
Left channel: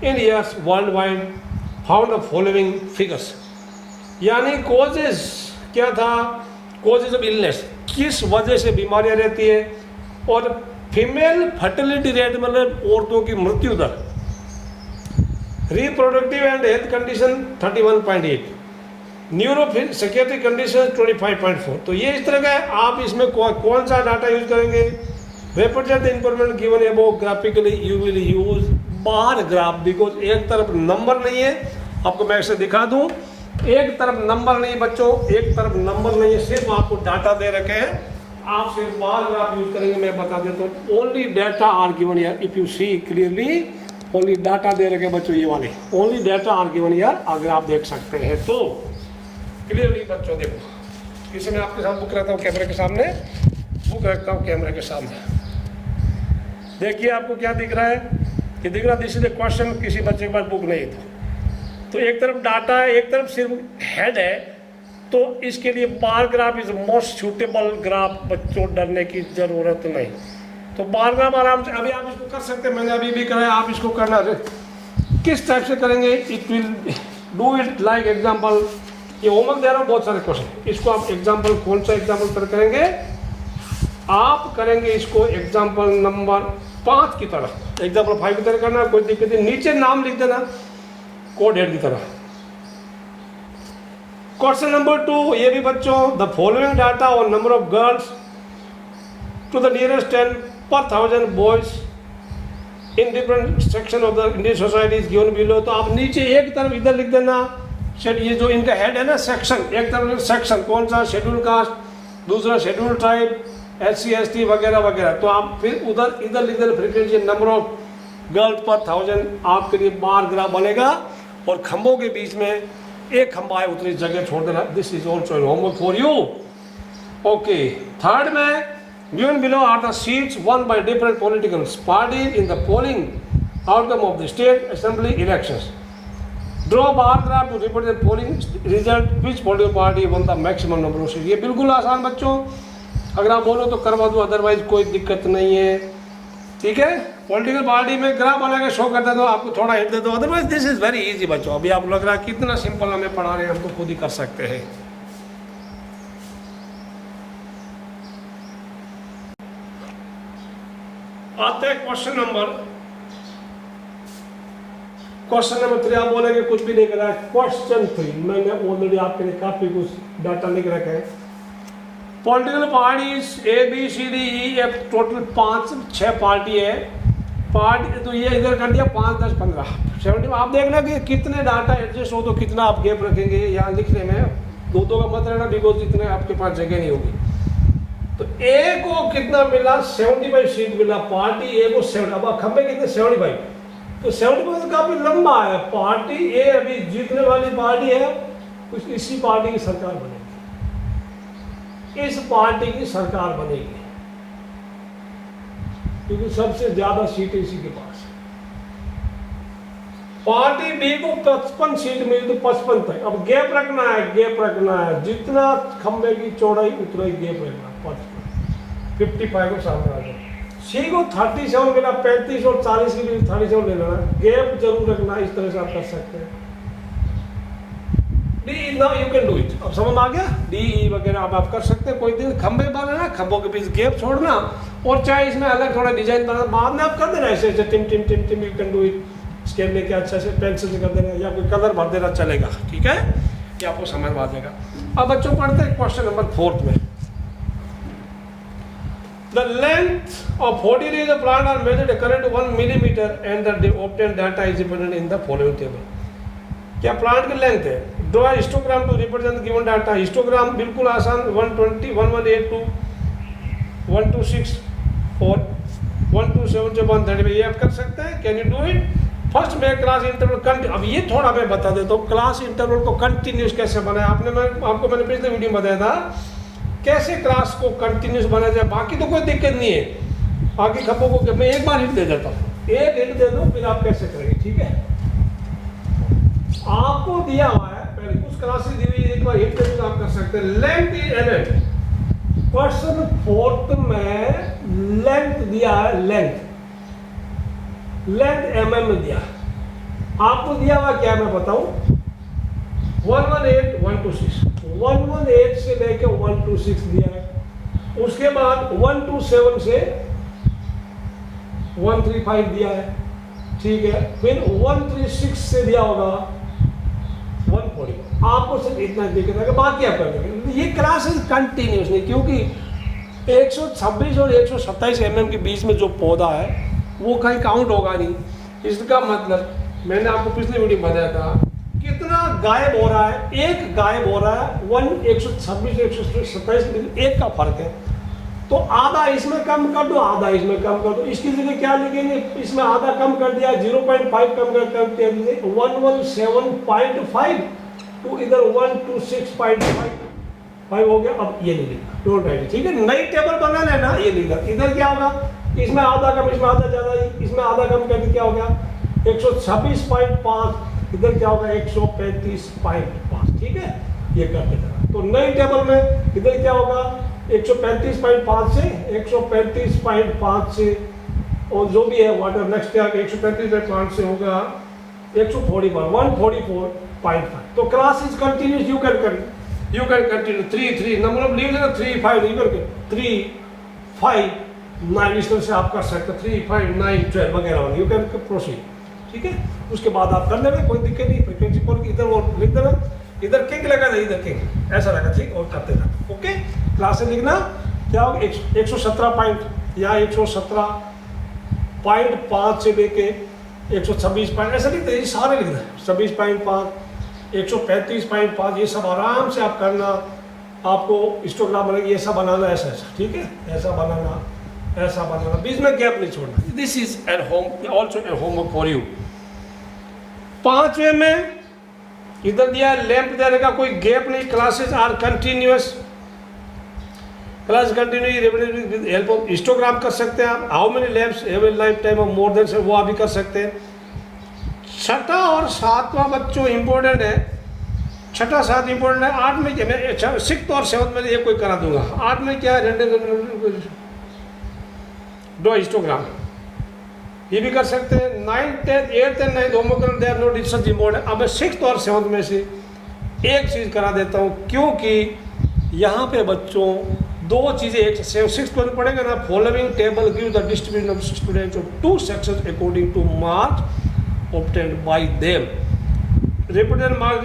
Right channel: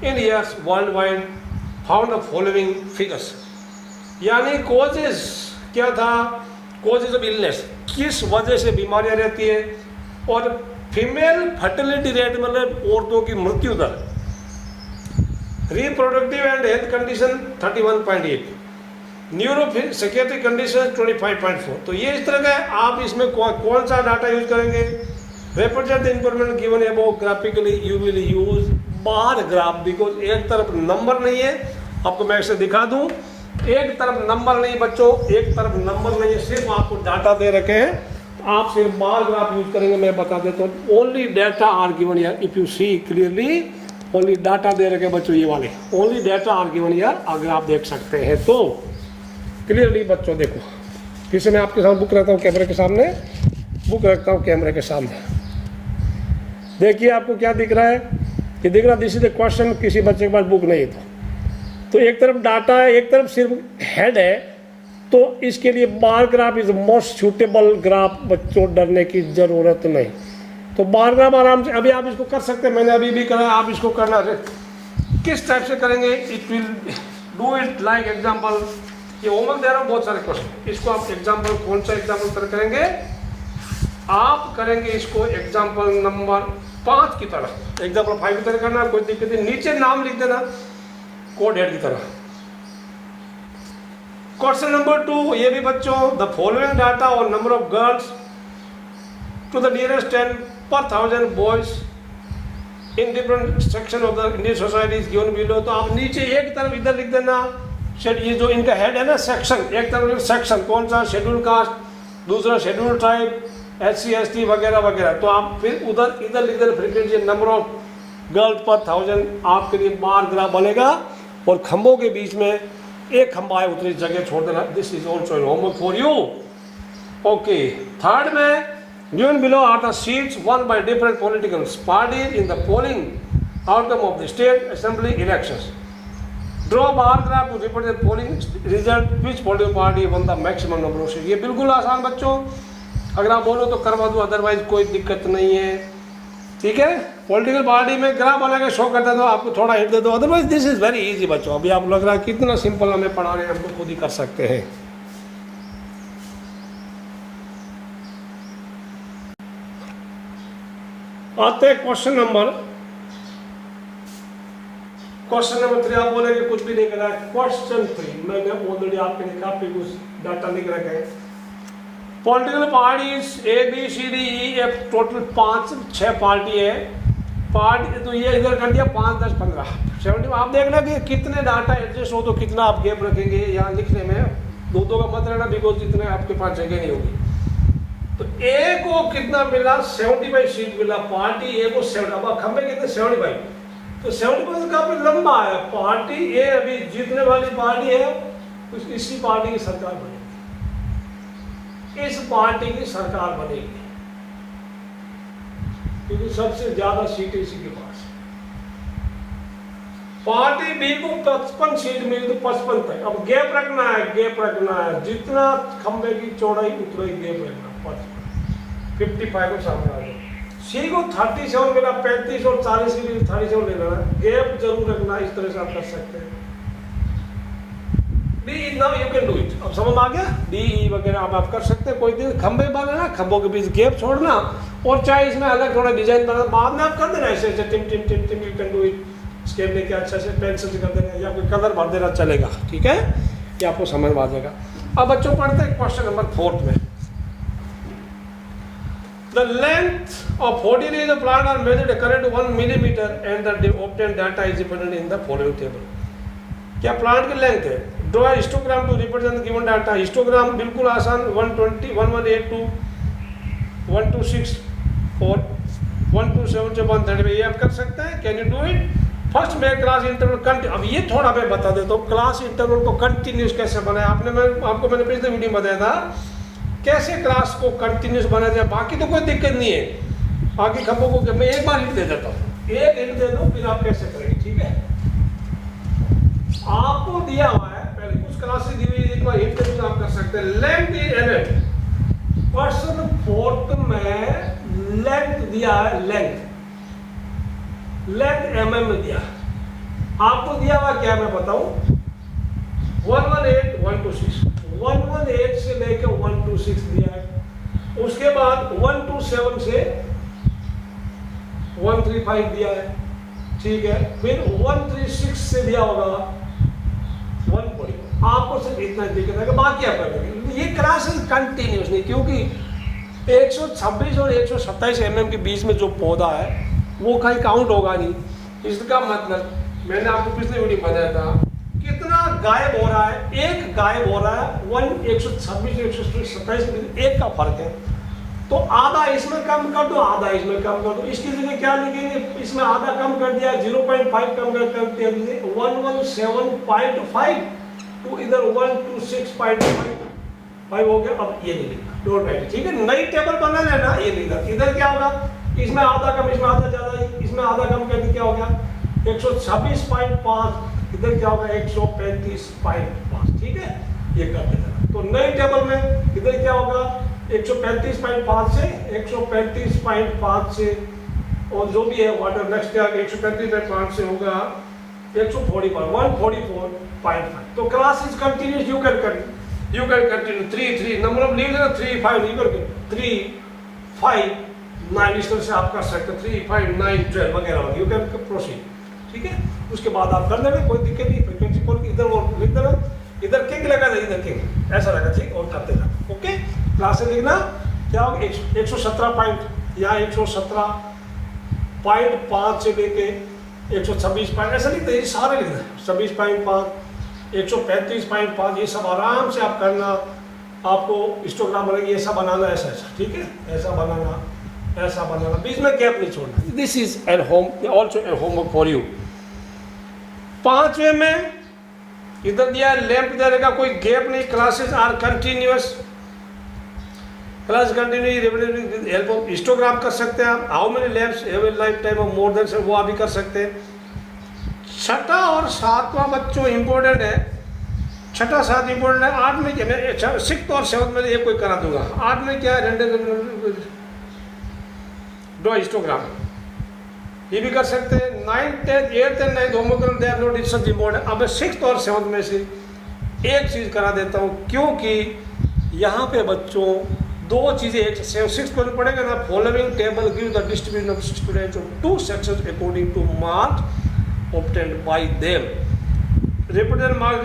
in years world wide, found the following figures. यानी कॉजेज क्या था, कॉजेज ऑफ इलनेस, किस वजह से बीमारियां रहती है, और फीमेल फर्टिलिटी रेट मतलब औरतों की मृत्यु दर, reproductive and health condition 31.8, neuro psychiatric condition 25.4। तो ये इस तरह का है। आप इसमें कौन सा डाटा यूज करेंगे, represent the information given above graphically, you will use bar graph, because एक तरफ नंबर नहीं है। आपको मैं इसे दिखा दूं, एक तरफ नंबर नहीं बच्चों, एक तरफ नंबर नहीं है, सिर्फ आपको डाटा दे रखे हैं। आप सिर्फ बार ग्राफ यूज करेंगे, मैं बता देता हूँ। Only data are given here, if you see clearly, only data दे रखे बच्चों, ये वाले only data are given here. अगर आप देख सकते हैं तो क्लियरली बच्चों देखो, किसी मैं आपके साथ बुक रखता हूँ कैमरे के सामने, बुक रखता हूँ कैमरे के सामने, देखिए आपको क्या दिख रहा है, ये दिख रहा है दिस इज द क्वेश्चन। किसी बच्चे के पास बुक नहीं था तो एक तरफ डाटा है, एक तरफ सिर्फ हेड है, तो इसके लिए बार graph is most suitable graph बच्चों, डरने की जरूरत नहीं। तो बार ग्राफ आराम से अभी आप इसको कर सकते हैं, मैंने अभी भी कराया, आप इसको करना है। किस टाइप से करेंगे, it will do it like example, ये होमवर्क दे रहा हूँ बहुत सारे क्वेश्चन, इसको आप एग्जाम्पल कौन सा एग्जाम्पल पर करेंगे, आप करेंगे इसको एग्जाम्पल नंबर 5 की तरह, एग्जाम्पल 5 की तरह करना, कोई दिक्कत नहीं। नीचे नाम लिख देना कोड हेड की तरह। क्वेश्चन नंबर 2, ये भी बच्चों, द फॉलोइंग डाटा और number of girls to the nearest 10 per 1000 boys in different section of the Indian society is given below. तो आप नीचे एक तरफ इधर लिख देना, ये जो इनका हेड है ना सेक्शन, एक तरफ सेक्शन कौन सा, शेड्यूल कास्ट, दूसरा शेड्यूल ट्राइब, SC ST वगैरह वगैरह। तो आप फिर उधर इधर लिख देना फ्रीक्वेंसी नंबर ऑफ गर्ल्स पर 1000, आपके लिए बार ग्राफ बनेगा। और खंभों के बीच में एक खंभा है, उतनी जगह छोड़ देना। This is also homework for you. Okay, third में given below are the seats won by different political parties in the polling outcome of the state assembly elections. Draw bar graph to represent polling result, which political party won the maximum number of seats. ये बिल्कुल आसान बच्चों, अगर आप बोलो तो करवा दो, अदरवाइज कोई दिक्कत नहीं है, ठीक है। पॉलिटिकल पार्टी में ग्राफ बना के शो करता दो, आपको थोड़ा हिट दे दो, otherwise this is very easy बच्चों। अभी आप लग रहा है कितना सिंपल हमें पढ़ा रहे हैं, हम तो खुद ही कर सकते हैं। आते हैं क्वेश्चन नंबर 3। आप बोलेंगे कुछ भी नहीं करा। क्वेश्चन 3 मैंने ऑलरेडी आपके लिए काफी कुछ डाटा लिख रखा है। Political parties ABCDEF, total 5-6 party है। पार्टी तो ये इधर कर दिया 5, 10, 15, 70। आप देखना कि कितने डाटा एडजस्ट हो तो कितना आप गैप रखेंगे यहाँ लिखने में। दो का मत रहना, बिकॉज इतने आपके पास जगह नहीं होगी। तो ए को कितना मिला, 75 सीट मिला पार्टी ए को 70। अब खंबे कितने, 75। तो 75 काफी लंबा है। पार्टी ए अभी जीतने वाली पार्टी है, तो इसी पार्टी की सरकार बनेगी, इस पार्टी की सरकार बनेगी, क्योंकि सबसे ज्यादा सीटें इसी के पास। पार्टी बी को 55 सीट मिली तो 55 पे। अब गैप रखना है, गैप रखना है, जितना खंबे की चौड़ाई उतना ही गैप रखना, 55 को सामने आ जाए। सी को 37 मिला, 35 और 40 के बीच 37 लेना है, गैप जरूर रखना। इस तरह से आप कर सकते हैं। D now you can do it. अब समझ आ गया, DE वगैरह आप कर सकते हैं। कोई दिन खंबे बनाना, खंभों के बीच गैप छोड़ना, और चाहे इसमें अलग थोड़ा डिजाइन बनाना, बाद में आप कर देना ऐसे ऐसे टिम टिम टिम टिम। You can do it, scale लेके अच्छा से पेंसिल से कर देना, या कोई कलर भर देना चलेगा, ठीक है, ये आपको समझ में आ जाएगा। अब बच्चों पढ़ते हैं क्वेश्चन नंबर 4 में। The length of 40 leaves of plant are measured according to 1 millimeter and the obtained data is represented in the following table. क्या प्लांट की लेंथ है? Draw histogram to represent given data. Histogram बिल्कुल आसान, 120, 1182, 126 और 127 से 130 ये आप कर सकते हैं। Can you do it? First मैं क्लास इंटरवल कंटिन्यू, अब ये थोड़ा मैं बता देता हूँ क्लास इंटरवल को कंटिन्यूस कैसे बनाया। आपको मैंने पिछले वीडियो में बताया था कैसे क्लास को कंटिन्यूस बनाया जाए। बाकी तो कोई दिक्कत नहीं है, बाकी खब्बों को मैं एक बार हिंट दे देता हूँ, एक हिंट दे दो, फिर आप कैसे करेंगे, ठीक है। आपको दिया हुआ है, पहले कुछ क्लासेस दी हुई, एक बार हिंट दे दो, आप कर सकते हैं। लेंथ इन mm, क्वेश्चन 4 में लेंथ दिया है, लेंथ mm में दिया। आपको दिया हुआ क्या मैं बताऊं, 118, 126, 118 से लेकर 126 दिया है। उसके बाद 127 से 135 दिया है, ठीक है। फिर 136 से दिया होगा 140। आपको सिर्फ इतना दिक्कत है, बाकी आप कर लेंगे। ये क्लासेस कंटिन्यूस नहीं, क्योंकि 126 और 127 mm के बीच में जो पौधा है वो कहीं काउंट होगा नहीं। इसका मतलब मैंने आपको पिछले वीडियो में बताया था कितना गायब हो रहा है, एक गायब हो रहा है, 126 127 एक का फर्क है। तो आधा इसमें कम कर दो, आधा इसमें कम कर दो। इसकी जगह क्या लिखेंगे, इसमें आधा कम कर दिया, 0.5 कम कर दिया, 117.5 तो इधर 126.5 हो गया। अब ये नहीं लिखना, डोंट राइट, ठीक है। नई टेबल बना लेना, ये लिखना। इधर क्या होगा, इसमें आधा कम, इसमें आधा ज्यादा, इसमें आधा कम कर दिया, क्या हो गया 126.5, इधर क्या होगा 135.5, ठीक है। ये करते जाना। तो नई टेबल में इधर क्या होगा 135.5 से 135.5 से, और जो भी है वाटर नेक्स्ट क्या 135.5 से होगा 144.5। तो class is continuous, you can continue 3 number of leave 3 5 leave करके 3 5 9 इस तरह से आप कर सकते 3 5 9 12 वगैरह, यू कैन प्रोसीड, ठीक है। उसके बाद आप कर लेंगे, कोई दिक्कत नहीं। फ्रीक्वेंसी पोल इधर वो लिख देना, इधर किंग लगा था, इधर किंग ऐसा लगा, ठीक, और करते जाओ, ओके। क्लास से लिखना क्या होगा 117 पॉइंट या 117.5 से लेके 126 पॉइंट ऐसा लिखते हैं, सारे लिखना है 26.5 135.5, ये सब आराम से आप करना। आपको हिस्टोग्राम बनेगा, ये सब बनाना ऐसा ऐसा, ठीक है, ऐसा बनाना, ऐसा बनाना, बीच में गैप नहीं छोड़ना। This is at home, also at homework for you. 5वें में इधर दिया लैंप दे रहेगा, कोई गैप नहीं, classes are continuous, class continue help of histogram कर सकते हैं आप। How many lamps have a life time of more than, वो आप भी कर सकते हैं। छठा और सातवां बच्चों इंपॉर्टेंट है, छठा सात इंपॉर्टेंट है। 8 में क्या, मैं 6th और 7th में एक कोई करा दूंगा। 8 में क्या है, दो हिस्टोग्राम, ये भी कर सकते हैं। 9th 10th 8th and 9th homework they are not discuss important. अब मैं 6th और 7th में से एक चीज करा देता हूं, क्योंकि यहाँ पे बच्चों दो चीजें, एक 6th में पढ़ेंगे ना, following table give the distribution of students of 2 sections according two marks obtained by them, repeated marks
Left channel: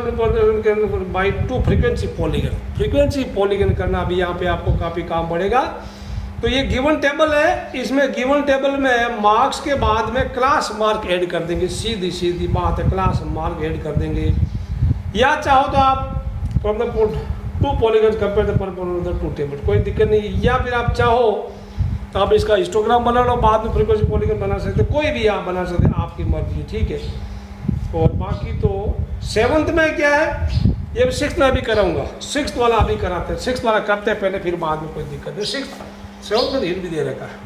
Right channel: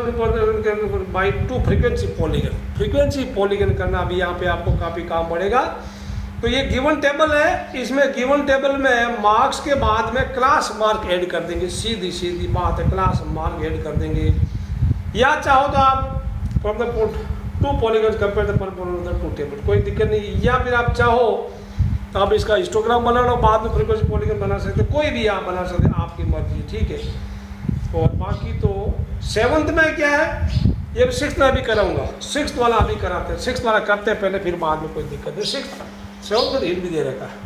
by 2 frequency polygon। Frequency polygon करना अभी यहाँ पे आपको काफी काम पड़ेगा। तो ये गिवन टेबल है, इसमें गिवन टेबल में मार्क्स के बाद में क्लास मार्क ऐड कर देंगे, सीधी सीधी बात है, क्लास मार्क ऐड कर देंगे। या चाहो तो आप from the 2 polygons compare the पर 2 टेबल, कोई दिक्कत नहीं। या फिर आप चाहो तो आप इसका हिस्टोग्राम बना लो, बाद में फ्रीक्वेंसी पॉलीगन बना सकते, कोई भी आप बना सकते, आपकी मर्जी, ठीक है। और बाकी तो 7th में क्या है, ये 6th में भी कराऊंगा, 6th वाला अभी कराते हैं, 6th वाला करते हैं पहले, फिर बाद में कोई दिक्कत नहीं। 6th 7th में हिट भी दे रखा है।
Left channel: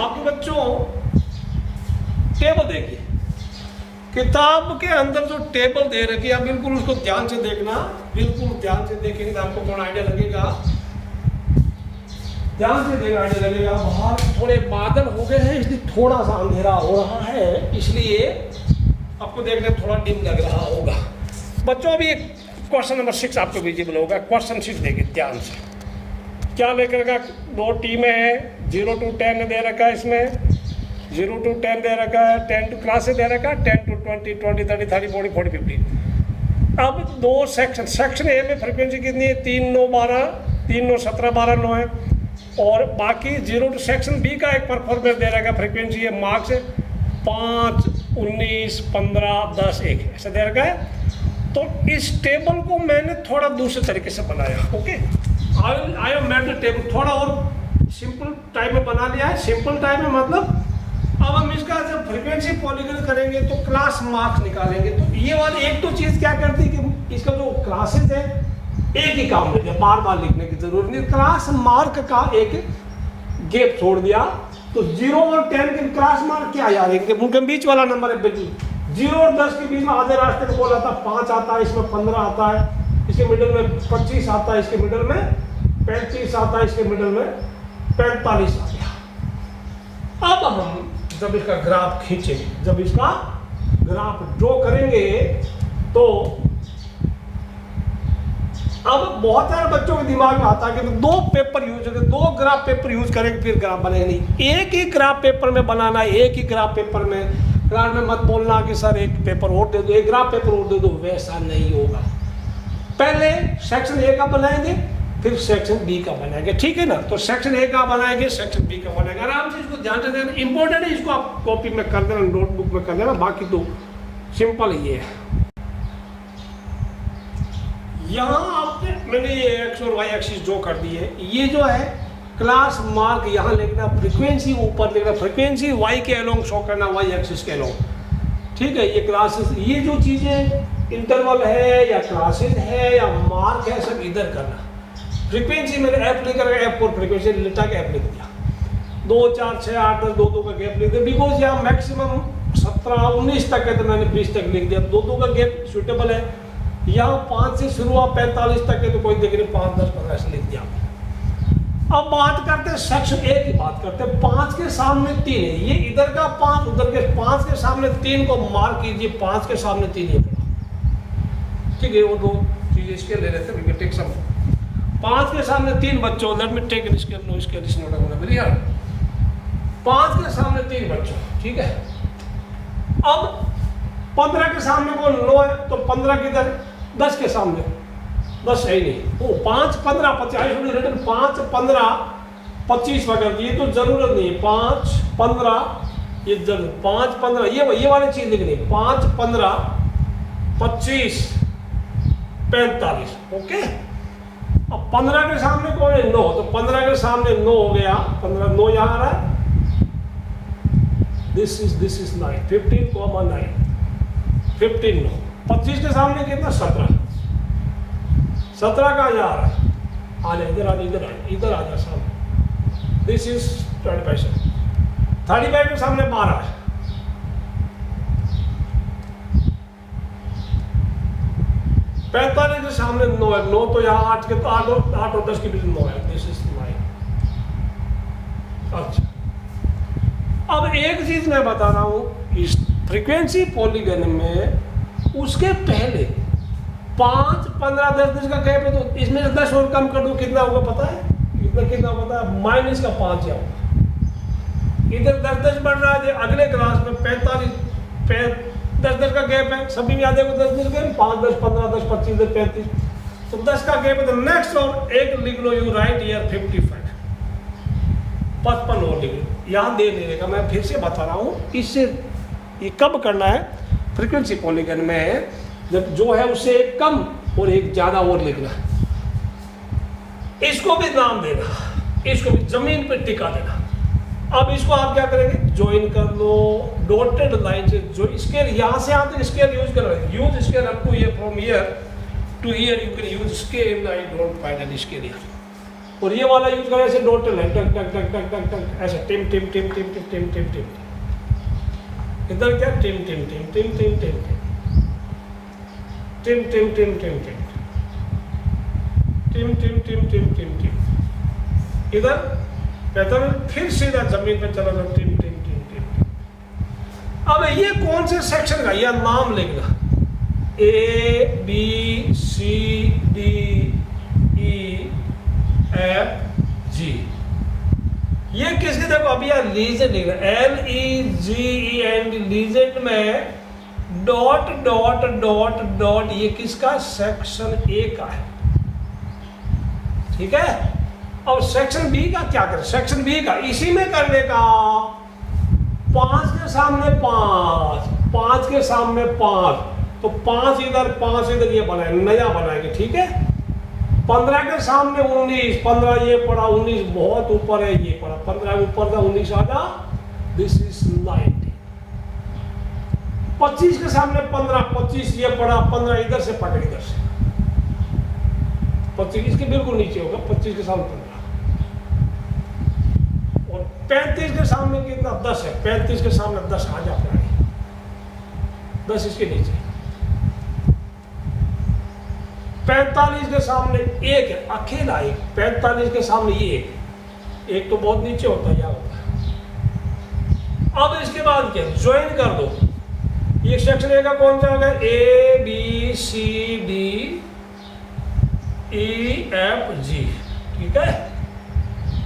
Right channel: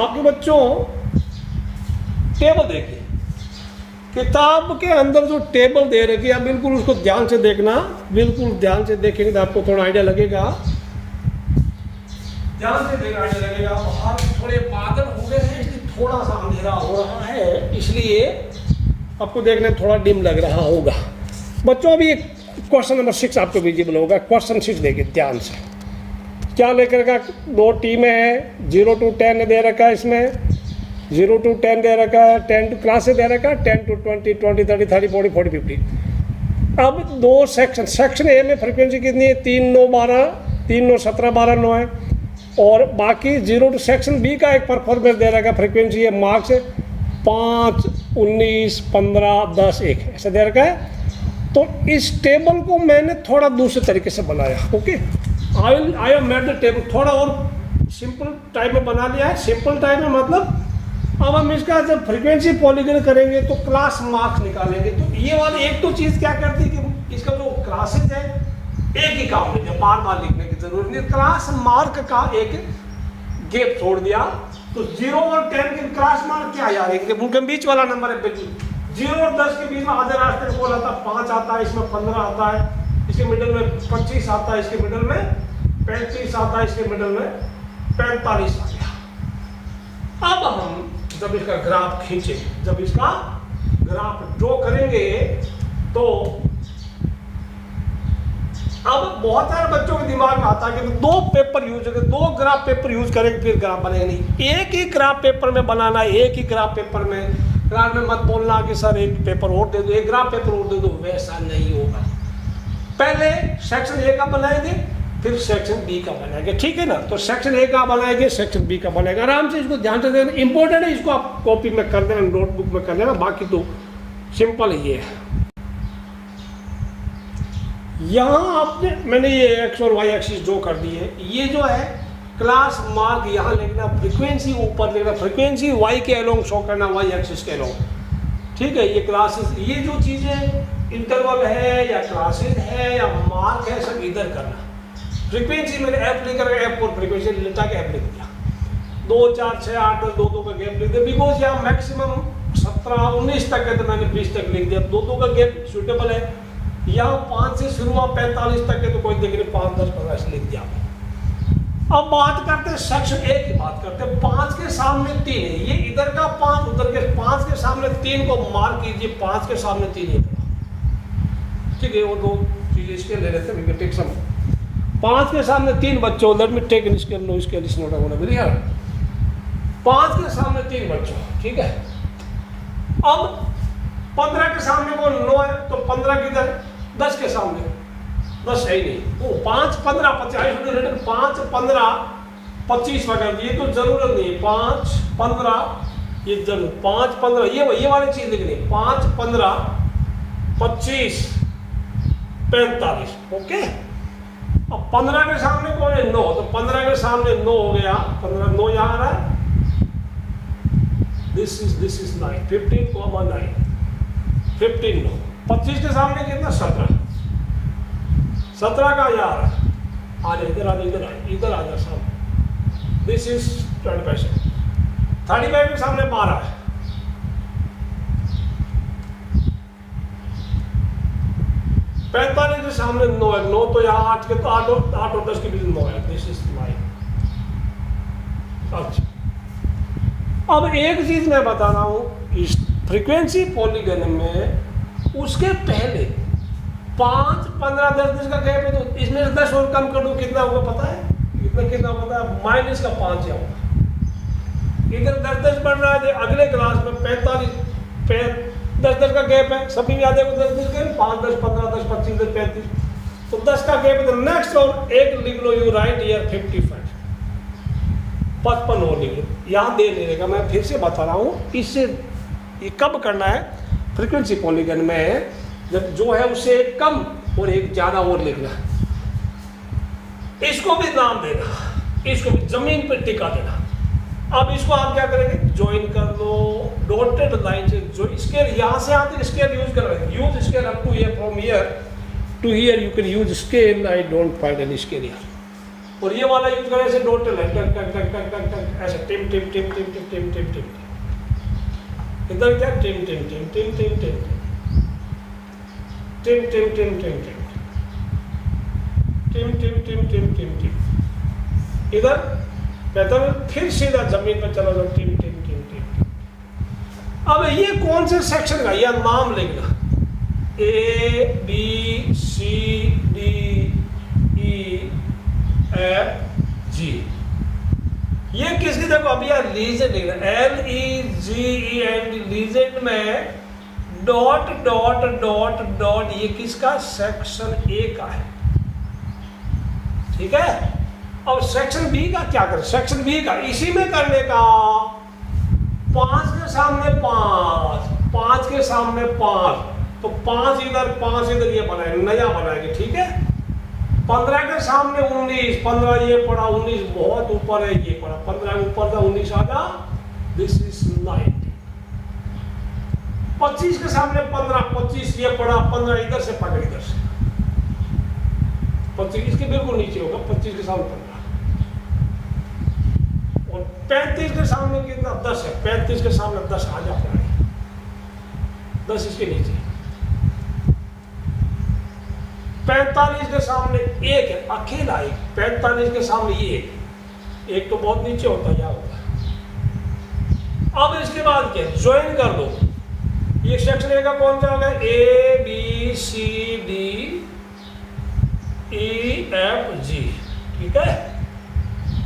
आपके बच्चों टेबल देखिए, किताब के अंदर जो टेबल दे रखी है, बिल्कुल उसको ध्यान से देखना, बिल्कुल ध्यान से देखेंगे तो आपको थोड़ा आइडिया लगेगा, ध्यान से देखना आइडिया लगेगा। बाहर थोड़े बादल हो गए हैं, इसलिए थोड़ा सा अंधेरा हो रहा है, इसलिए आपको देखने थोड़ा डिम लग रहा होगा। बच्चों अभी क्वेश्चन नंबर 6 आपको विजिबल होगा। क्वेश्चन 6 देखिए ध्यान से, क्या लेकर का 2 टीमें हैं, 0 to 10 दे रखा है, इसमें 0 to 10 दे रखा है, 10 to क्लास दे रखा है, 10 to 20 20 30 30 40 40 50। अब 2 सेक्शन, सेक्शन ए में फ्रीक्वेंसी कितनी है, 3 9 12 3 9 17 12 9 है, और बाकी 0 टू सेक्शन बी का एक परफॉर्मेंस दे रखा है, फ्रीक्वेंसी है मार्क्स 5 19 15 10 1 ऐसा दे रखा है। तो इस टेबल को मैंने थोड़ा दूसरे तरीके से बनाया, okay. I have made the table, थोड़ा और सिंपल टाइप में बना लिया है। सिंपल टाइप में मतलब अब हम इसका जब फ्रीक्वेंसी पॉलीगन करेंगे तो क्लास मार्क्स निकालेंगे। तो ये वाली एक तो चीज क्या करती है कि इसका जो क्लासेस है एक ही काम देते, बार बार लिखने की जरूरत नहीं। क्लास मार्क का एक गैप छोड़ दिया तो 0 और 10 के क्लास मार्क क्या यार, उनके बीच वाला नंबर है, बिल्कुल 0 और 10 के बीच में आधे रास्ते को बोल आता है 5 आता है, इसमें 15 आता है, इसके मिडल में 25 आता है, इसके मिडल में 35 आता है, इसके मिडल में 45 आता है। अब हम जब इसका ग्राफ खींचेंगे, जब इसका ग्राफ ड्रॉ करेंगे तो अब बहुत सारे बच्चों के दिमाग में आता है कि 2 पेपर यूज करें, 2 ग्राफ पेपर यूज करेंगे फिर ग्राफ बनेगा नहीं। एक ही ग्राफ पेपर में बनाना है, एक ही ग्राफ पेपर में, क्लास में मत बोलना कि सर एक पेपर और दे दो, एक ग्राफ पेपर और दे दो, वैसा नहीं होगा। पहले सेक्शन ए का बनाएंगे, फिर सेक्शन बी का बनाएंगे, ठीक है ना। तो सेक्शन ए का बनाएंगे, सेक्शन बी का बनाएंगे। आराम से इसको ध्यान से देना, इंपॉर्टेंट है, इसको आप कॉपी में कर देना, नोटबुक में कर देना, बाकी तो सिंपल ही है। यहाँ आपने मैंने ये एक्स और वाई एक्सिस जो कर दी है, ये जो है क्लास मार्क यहाँ लिखना, फ्रीक्वेंसी ऊपर लिखना, फ्रीक्वेंसी वाई के अलोंग शो करना, वाई एक्सिस के अलोंग, ठीक है। ये क्लासेस, ये जो चीजें इंटरवल है या क्लासेस है या मार्क है, सब इधर करना। फ्रीक्वेंसी मैंने एफ लिख कर F4 फ्रीक्वेंसी लिटा के एफ लिख दिया, 2 4 6 8 10 2 2 का गैप लिख दिया, बिकॉज यहाँ मैक्सिमम 17 19 तक है तो मैंने 20 तक लिख दिया, 2 2 का गैप सूटेबल है। यहाँ 5 से शुरू हुआ 45 तक है तो कोई देख नहीं, 5 10 15 ऐसे लिख दिया। अब बात करते हैं सेक्शन ए की, बात करते हैं। 5 के सामने 3 है, ये इधर का 5 उधर के 5 के सामने 3 को मार्क कीजिए, 5 के सामने 3 ये पड़ा, ठीक है। वो दो चीजें इसके ले लेते हैं, टेक सम। 5 के सामने 3 बच्चों, let me take in scale, no scale is not available, very hard. 5 के सामने 3 बच्चों, ठीक है। अब 15 के सामने वो 9 है तो 15 किधर, 10 के सामने 10 है ही नहीं, वो 5 15 25 रिटर्न 5 15 25 वगैरह, ये तो जरूरत नहीं है। 5 15 ये जरूर, 5 15 ये वाली चीज लिखनी, 5 15 25 45, ओके। अब 15 के सामने कौन है, 9, तो 15 के सामने 9 हो गया, 15 9 यहां आ रहा है, दिस इज 9, 15 9 15 9, 25 के सामने कितना 17 का यहाँ आ रहा है, आ जाए इधर, आ जाए इधर आ जाए सामने, दिस इज 25, 35 के सामने 12 है, 45 के सामने 9 है, 9 तो यहाँ 8 के तो 8 और 10 के बीच 9 है, दिस इज 9। अच्छा, अब एक चीज मैं बता रहा हूं, इस फ्रीक्वेंसी पॉलीगन में उसके पहले 5 15 10 का गैप है, तो इसमें 10 और कम कर दो, कितना होगा पता है, कितना पता है, माइनस का 5 या होगा। इधर 10 बढ़ रहा है, अगले क्लास में 45 10 का गैप है, सभी याद है 10 10 गैप, 5 10 15 10 25 10 35, तो 10 का गैप है, तो नेक्स्ट और एक लिख लो, यू राइट ईयर 55 55 और लिख लो, यहाँ दे नहीं रहेगा। मैं फिर से बता रहा हूँ, इससे ये कब करना है, फ्रीक्वेंसी पॉलीगन में जब जो है उससे एक कम और एक ज्यादा और लिखना, इसको भी नाम देना, इसको भी जमीन पर टिका देना। अब इसको आप क्या करेंगे, ज्वाइन कर लो डॉटेड लाइन से, जो स्केल यहां से आते स्केल यूज कर, use scale up to here, from here to here you can use scale, I don't find any scale here. और ये वाला यूज करने से डॉटेड लाइन टक टक टक टक टक टक ऐसे टिम टिम टिम टिम टिम टिम टिम टिम, इधर क्या टिम टिम टिम टिम टिम टिम टिम टिम टिम टिम टिम टिम टिम टिम टिम टिम टिम, इधर कहता है फिर सीधा जमीन पे चला जाओ, टिम टिम टिम टिम टिम। अब ये कौन से सेक्शन का, यह नाम लिखना, A B C D E F G, ये किसकी, देखो अभी यार रीजन लिखना, LEGEND, लीजेंड में डॉट डॉट डॉट डॉट, ये किसका, सेक्शन ए का है, ठीक है। अब सेक्शन बी का क्या करें, सेक्शन बी का इसी में करने का, 5 के सामने 5, 5 के सामने 5, तो 5 इधर ये बनाए, नया बनाएंगे, ठीक है। 15 के सामने 19, 15 ये पड़ा, 19 बहुत ऊपर है, ये पड़ा 15 ऊपर था, 19 आधा, दिस इज 90। 25 के सामने 15, 25 ये पड़ा, 15 इधर से पकड़, इधर से 25 इसके बिल्कुल नीचे होगा, 25 के सामने 15, और 35 के सामने कितना 10 है, 35 के सामने 10 आ जाता है, 10 इसके नीचे। 45 के सामने 1 है, अकेला एक, 45 के सामने ये एक तो बहुत नीचे होता है, यहाँ होता है। अब इसके बाद क्या, ज्वाइन कर दो, ये सेक्शन ए का कौन सा होगा, A B C D E F G, ठीक है।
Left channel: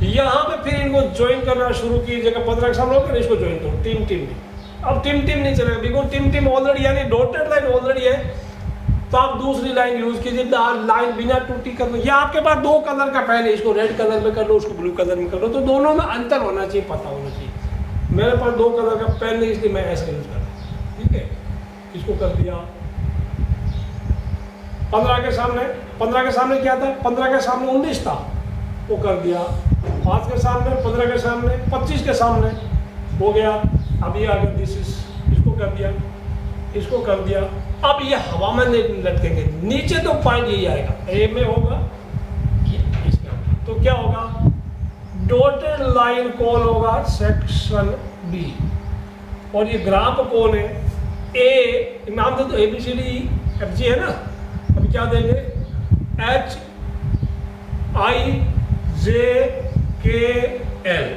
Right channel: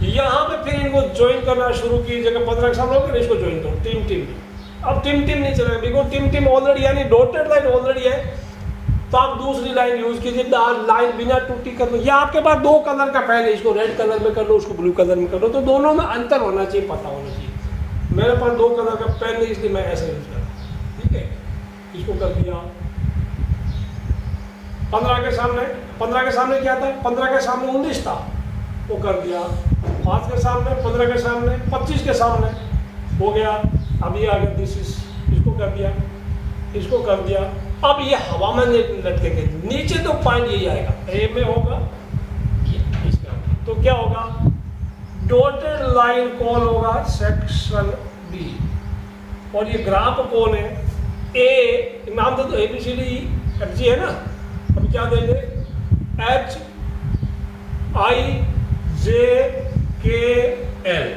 यहां पे फिर इनको ज्वाइन करना शुरू कीजिएगा, 15 के सामने होगा, इसको ज्वाइन करो, टीम टीम। अब टीम टीम नहीं चलेगा, बिकॉज टीम टीम ऑलरेडी, यानी डॉटेड लाइन ऑलरेडी है, तो आप दूसरी लाइन यूज कीजिए, लाइन बिना टूटी कर लो। या आपके पास दो कलर का पेन है, इसको रेड कलर में कर लो, उसको ब्लू कलर में कर लो, तो दोनों में अंतर होना चाहिए, पता होना चाहिए। मेरे पास दो कलर का पेन है इसलिए मैं ऐसे यूज कर रहा हूँ, ठीक है। इसको कर दिया 15 के सामने, 15 के सामने क्या था, 15 के सामने 19 था, वो कर दिया। 5 के सामने, 15 के सामने, 25 के सामने हो गया। अब ये आ गया दिस इज, इसको कर दिया, इसको कर दिया। अब ये हवा में लटकेंगे, नीचे तो पॉइंट यही आएगा, ए में होगा, ये इसमें होगा। तो क्या होगा, डॉटेड लाइन कौन होगा, सेक्शन बी। और ये ग्राफ कौन है, ए, नाम दे तो ABCD FG है ना। अभी क्या देंगे, HIJKL,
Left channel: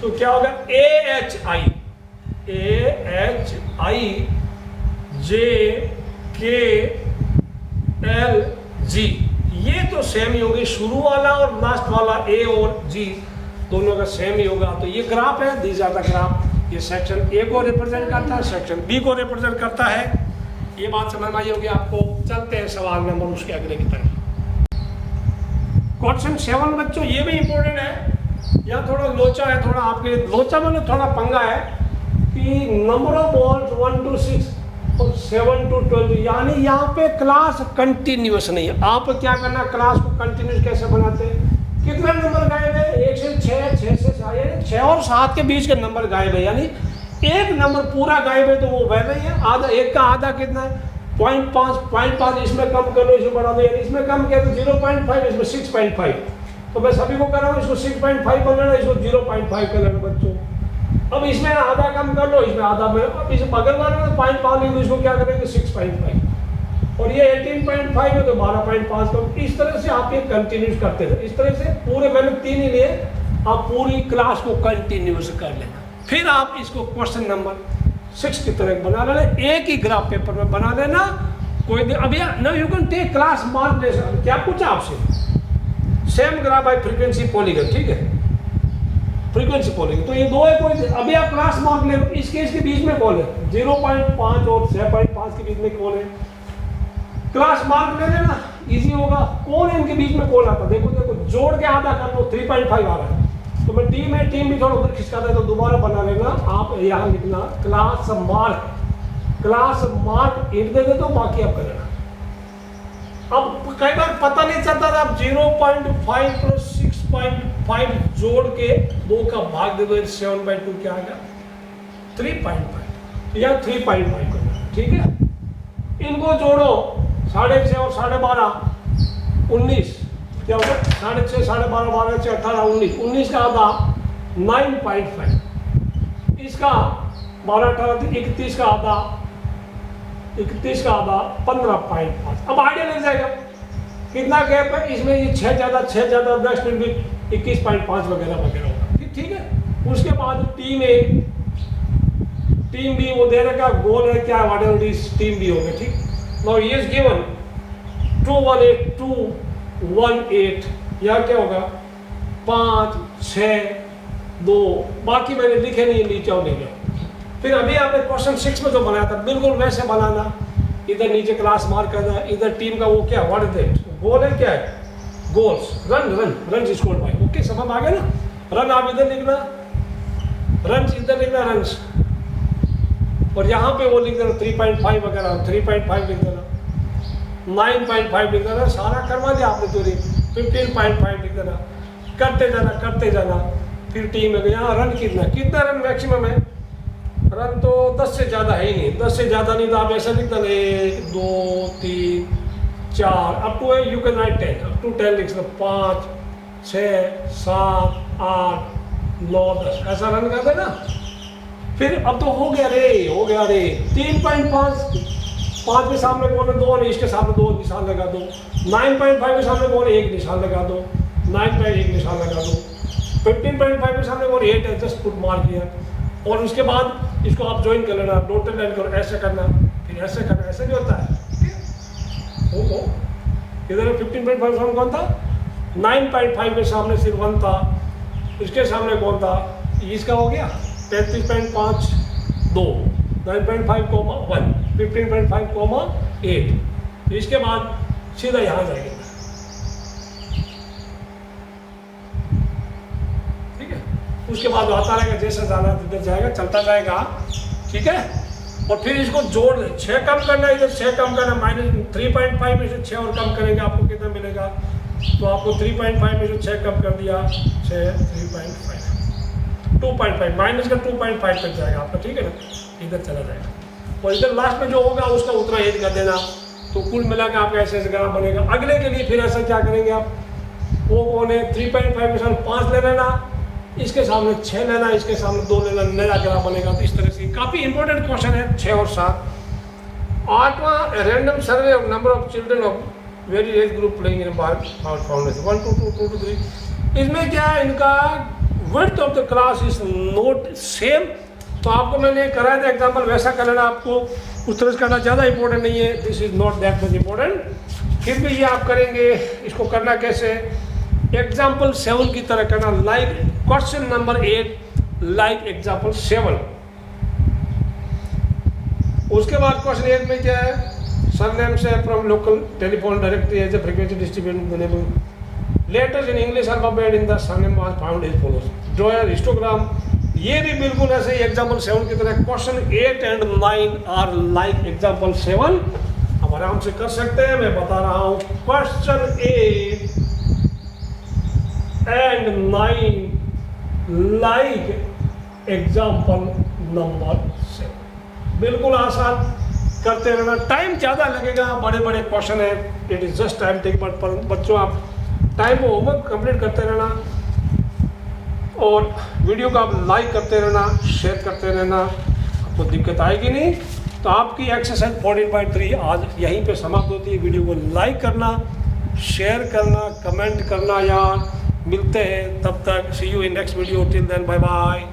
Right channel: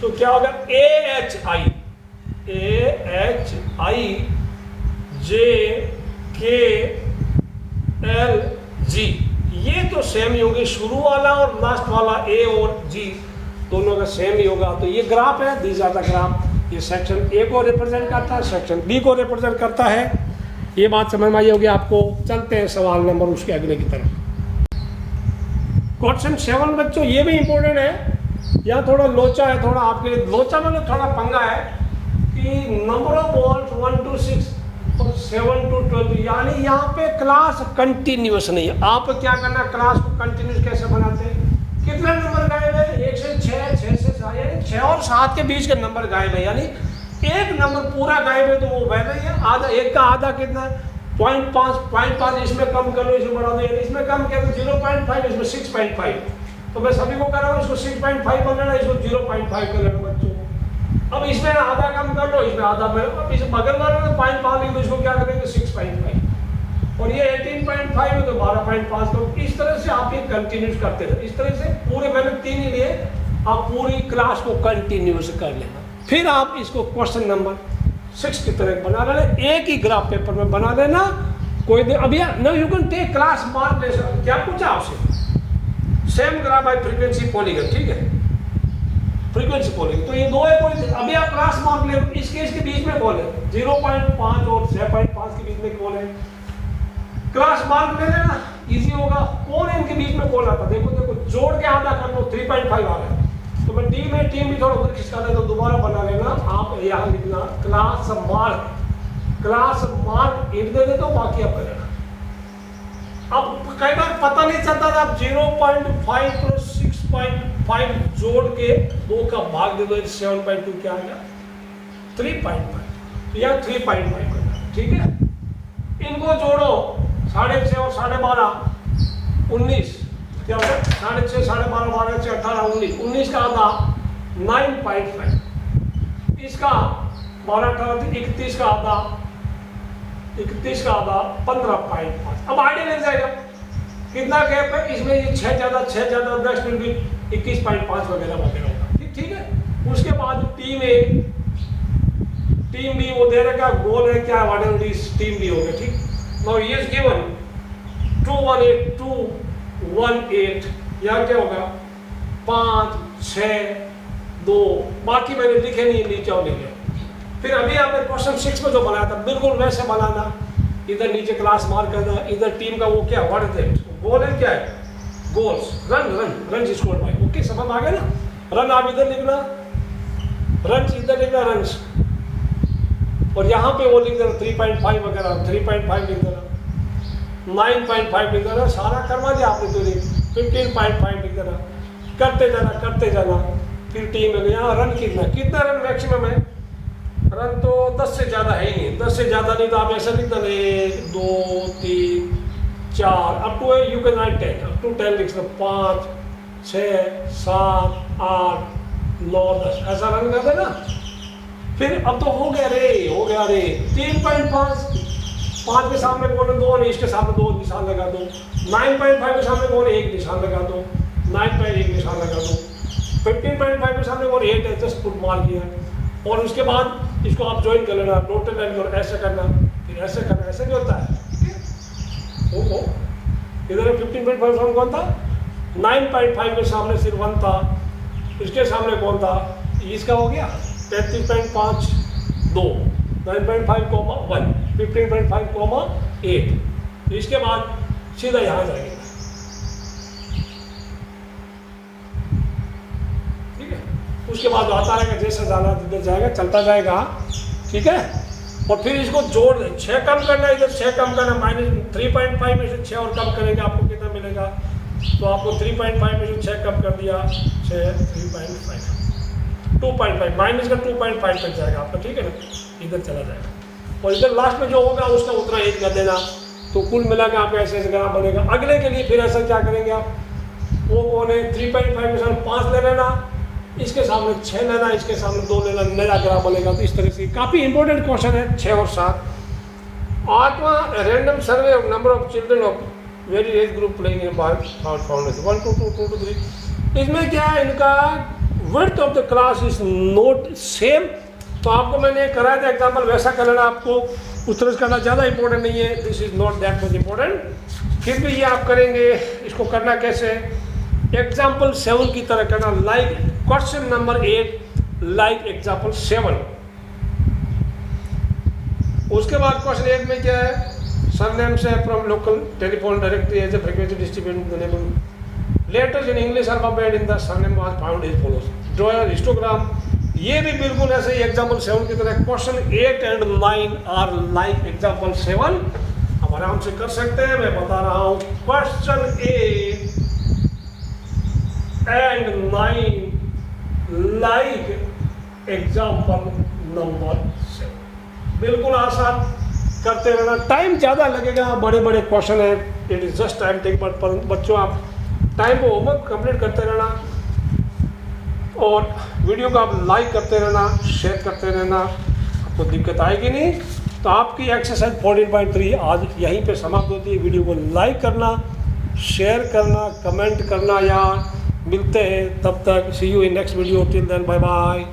तो क्या होगा AHIJKLG। ये तो सेम ही होगी, शुरू वाला और लास्ट वाला A और G दोनों का सेम ही होगा। तो ये ग्राफ है, दीज आर द ग्राफ। ये सेक्शन A को रिप्रेजेंट करता है, सेक्शन B को रिप्रेजेंट करता है। ये बात समझ में आई होगी आपको। चलते हैं सवाल नंबर उसके अगले की तरफ। क्वेश्चन 7 बच्चों, ये भी इंपॉर्टेंट है। यहाँ थोड़ा लोचा है, थोड़ा आपके लिए लोचा मतलब थोड़ा पंगा है कि नंबर ऑफ बॉल्स 1 to 6 और 7 to 12, यानी यहाँ पे क्लास कंटिन्यूस नहीं है। आप क्या करना, क्लास को कंटिन्यूस कैसे बनाते हैं, कितने नंबर गायब है, 1 से 6, 6 से 7, यानी 6 और 7 के बीच के नंबर गायब है। यानी एक नंबर पूरा गायब है तो वो वैसा ही है। आधा, एक का आधा कितना है, 0.5 इसमें कम कर लो, इसमें बढ़ा दो, इसमें कम कर दो 0.5, इसमें 6.5। तो मैं सभी को कर रहा हूँ, इसको 6.5 कर लेना, इसको 0.5 कर लेना बच्चों। अब इसमें आधा कम कर लो, इसमें आधा में, अब इस बगल वाले में 0.5 लेंगे, इसको क्या करेंगे 6.5, और ये 18.5 है तो 12.5 करो। इस तरह से आप ये कंटिन्यूस करते रहे। इस तरह से पूरे, मैंने 3 ही लिए, आप पूरी क्लास को कंटिन्यूस कर लेना। फिर आप इसको क्वेश्चन नंबर 6 की तरह बना लेना, एक ही ग्राफ पेपर में बना लेना। कोई अभी now you can take class mark ले सकते, क्या पूछा आपसे, same graph by frequency polygon, ठीक है, फ्रीक्वेंसी पॉलीगन। तो ये दो है, कोई अभी आप क्लास मार्क ले, इस केस के बीच में कौन है, 0.5 और 6.5 के बीच में कौन है, क्लास मार्क ले लेना, इजी होगा। कौन है इनके बीच में, कौन आता, देखो देखो, जोड़ के आधा कर लो, 3.5 आ रहा है। तो मैं टीम है, टीम भी थोड़ा उधर खिसका दें तो दोबारा बना लेना। आप यहाँ लिखना क्लास मार्क, क्लास मार्क एक दे दो, बाकी आप करेगा। अब कई बार पता नहीं चलता था, आप 0.5 प्लस 6.5 जोड़ के 2 का भाग दे दो, 7/2 क्या आ गया, 3.5 या 3.5 करना, ठीक है। इनको जोड़ो, 6.5 और 12.5 19, क्या होगा 6.5 12.5 12 6 18 19, 19 का आधा 9.5, इसका 12 18 31 का आधा 31 का आधा 15.5। अब आइडिया लग जाएगा कितना गैप है इसमें, ये 6 ज्यादा 10 मिनट भी 21.5 वगैरह वगैरह होगा, ठीक है। उसके बाद टीम ए, टीम बी, वो दे रखा गोल है क्या, what is this, team B होगा, ठीक। नाउ ये इज गिवन 218 218, यहाँ क्या होगा 5 6 2, बाकी मैंने लिखे नहीं, नीचे और ले जाओ। फिर अभी आपने क्वेश्चन 6 में जो बनाया था बिल्कुल वैसे बनाना, इधर नीचे क्लास मार्क करना, इधर टीम का वो क्या, व्हाट इज दैट, गोल है क्या है, goals, run scored by, okay समझ आ गया ना। रन आप इधर लिखना, रन इधर लिखना, रन, और यहाँ पे वो लिख देना 3.5 वगैरह, 3.5 लिख देना, 9.5 लिख देना, सारा करवा दिया आपने। तो 15.5 लिख देना, करते जाना। फिर टीम में यहाँ रन कितना रन मैक्सिमम है, रन तो 10 से ज़्यादा है ही नहीं, 10 से ज़्यादा नहीं तो आप ऐसा लिख देना 1 2 3 4 up to you can write 10, up to 10 लिख दो, 5 6 7 8 9 10 ऐसा रन कर देना। फिर अब तो हो गया रे 3.5, 5 के सामने कौन है 2 और इसके सामने 2 निशान लगा दो, 9.5 के सामने कौन है 1 निशान लगा दो, 9.1 निशान लगा दो, 15.5 के सामने कौन 8 है, 10 फुट मार किया। और उसके बाद इसको आप ज्वाइन कर लेना, डॉटेड लाइन करो, ऐसे करना, फिर ऐसे करना, ऐसे भी होता है, ठीक है। इधर 15.5 सामने कौन था, 9.5 के सामने सिर्फ 1 था, इसके सामने कौन था, इसका हो गया 33.5 2, 9.5 1, 15.5 8, तो इसके बाद सीधा यहाँ जाएंगे, ठीक है। उसके बाद आता रहेगा, जैसा जाना जिधर जाएगा चलता जाएगा, ठीक है। और फिर इसको जोड़ दे, 6 कम करना है, इधर 6 कम करना, -3.5 में से 6 और कम करेंगे, आपको कितना मिलेगा? तो आपको 3.5 में से 6 कम कर दिया, 6 3.5 2.5 माइनस का 2.5 तक जाएगा आपका, ठीक है ना, इधर चला जाएगा। और इधर लास्ट में जो होगा उसका उतना ऐड कर देना, तो कुल मिला के आपका ऐसे ग्राफ बनेगा। अगले के लिए फिर ऐसा क्या करेंगे आप, वो कौन है 3.5 के सामने 5 ले लेना, इसके सामने 6 लेना, इसके सामने 2 लेना, नया ग्राफ बनेगा। तो इस तरह से काफ़ी इंपॉर्टेंट क्वेश्चन है 6 और 7। 8वां random survey of number of children of very age group playing in foundation 1 to 2 2 to 3। इसमें क्या है, इनका width of the class is not same. तो आपको मैंने कराया था एग्जाम्पल, वैसा कर लेना, आपको उस तरह से करना ज़्यादा इंपॉर्टेंट नहीं है, this is not that much important. फिर भी ये आप करेंगे, इसको करना कैसे, एग्जाम्पल 7 की तरह करना, like question number 8 like example 7। उसके बाद क्वेश्चन 8 में क्या है, सरनेम से from local telephone directory as a frequency distribution letters in English alphabet in the surname was found as follows, draw a histogram. ये भी बिल्कुल ऐसे ही एग्जाम्पल 7 की तरह, question 8 and 9 are like example 7। अब आराम से कर सकते हैं, मैं बता रहा हूं, question 8 and 9 like example number 7। बिल्कुल आसान करते रहना, टाइम ज़्यादा लगेगा, बड़े बड़े क्वेश्चन है, it is just time take, पर बच्चों आप टाइम को होमवर्क कंप्लीट करते रहना, और वीडियो को आप लाइक करते रहना, शेयर करते रहना, आपको दिक्कत आएगी नहीं। तो आपकी एक्सरसाइज 14.3 आज यहीं पे समाप्त होती है। वीडियो को लाइक करना, शेयर करना, कमेंट करना यार। मिलते हैं तब तक, see you in next video, till then bye bye.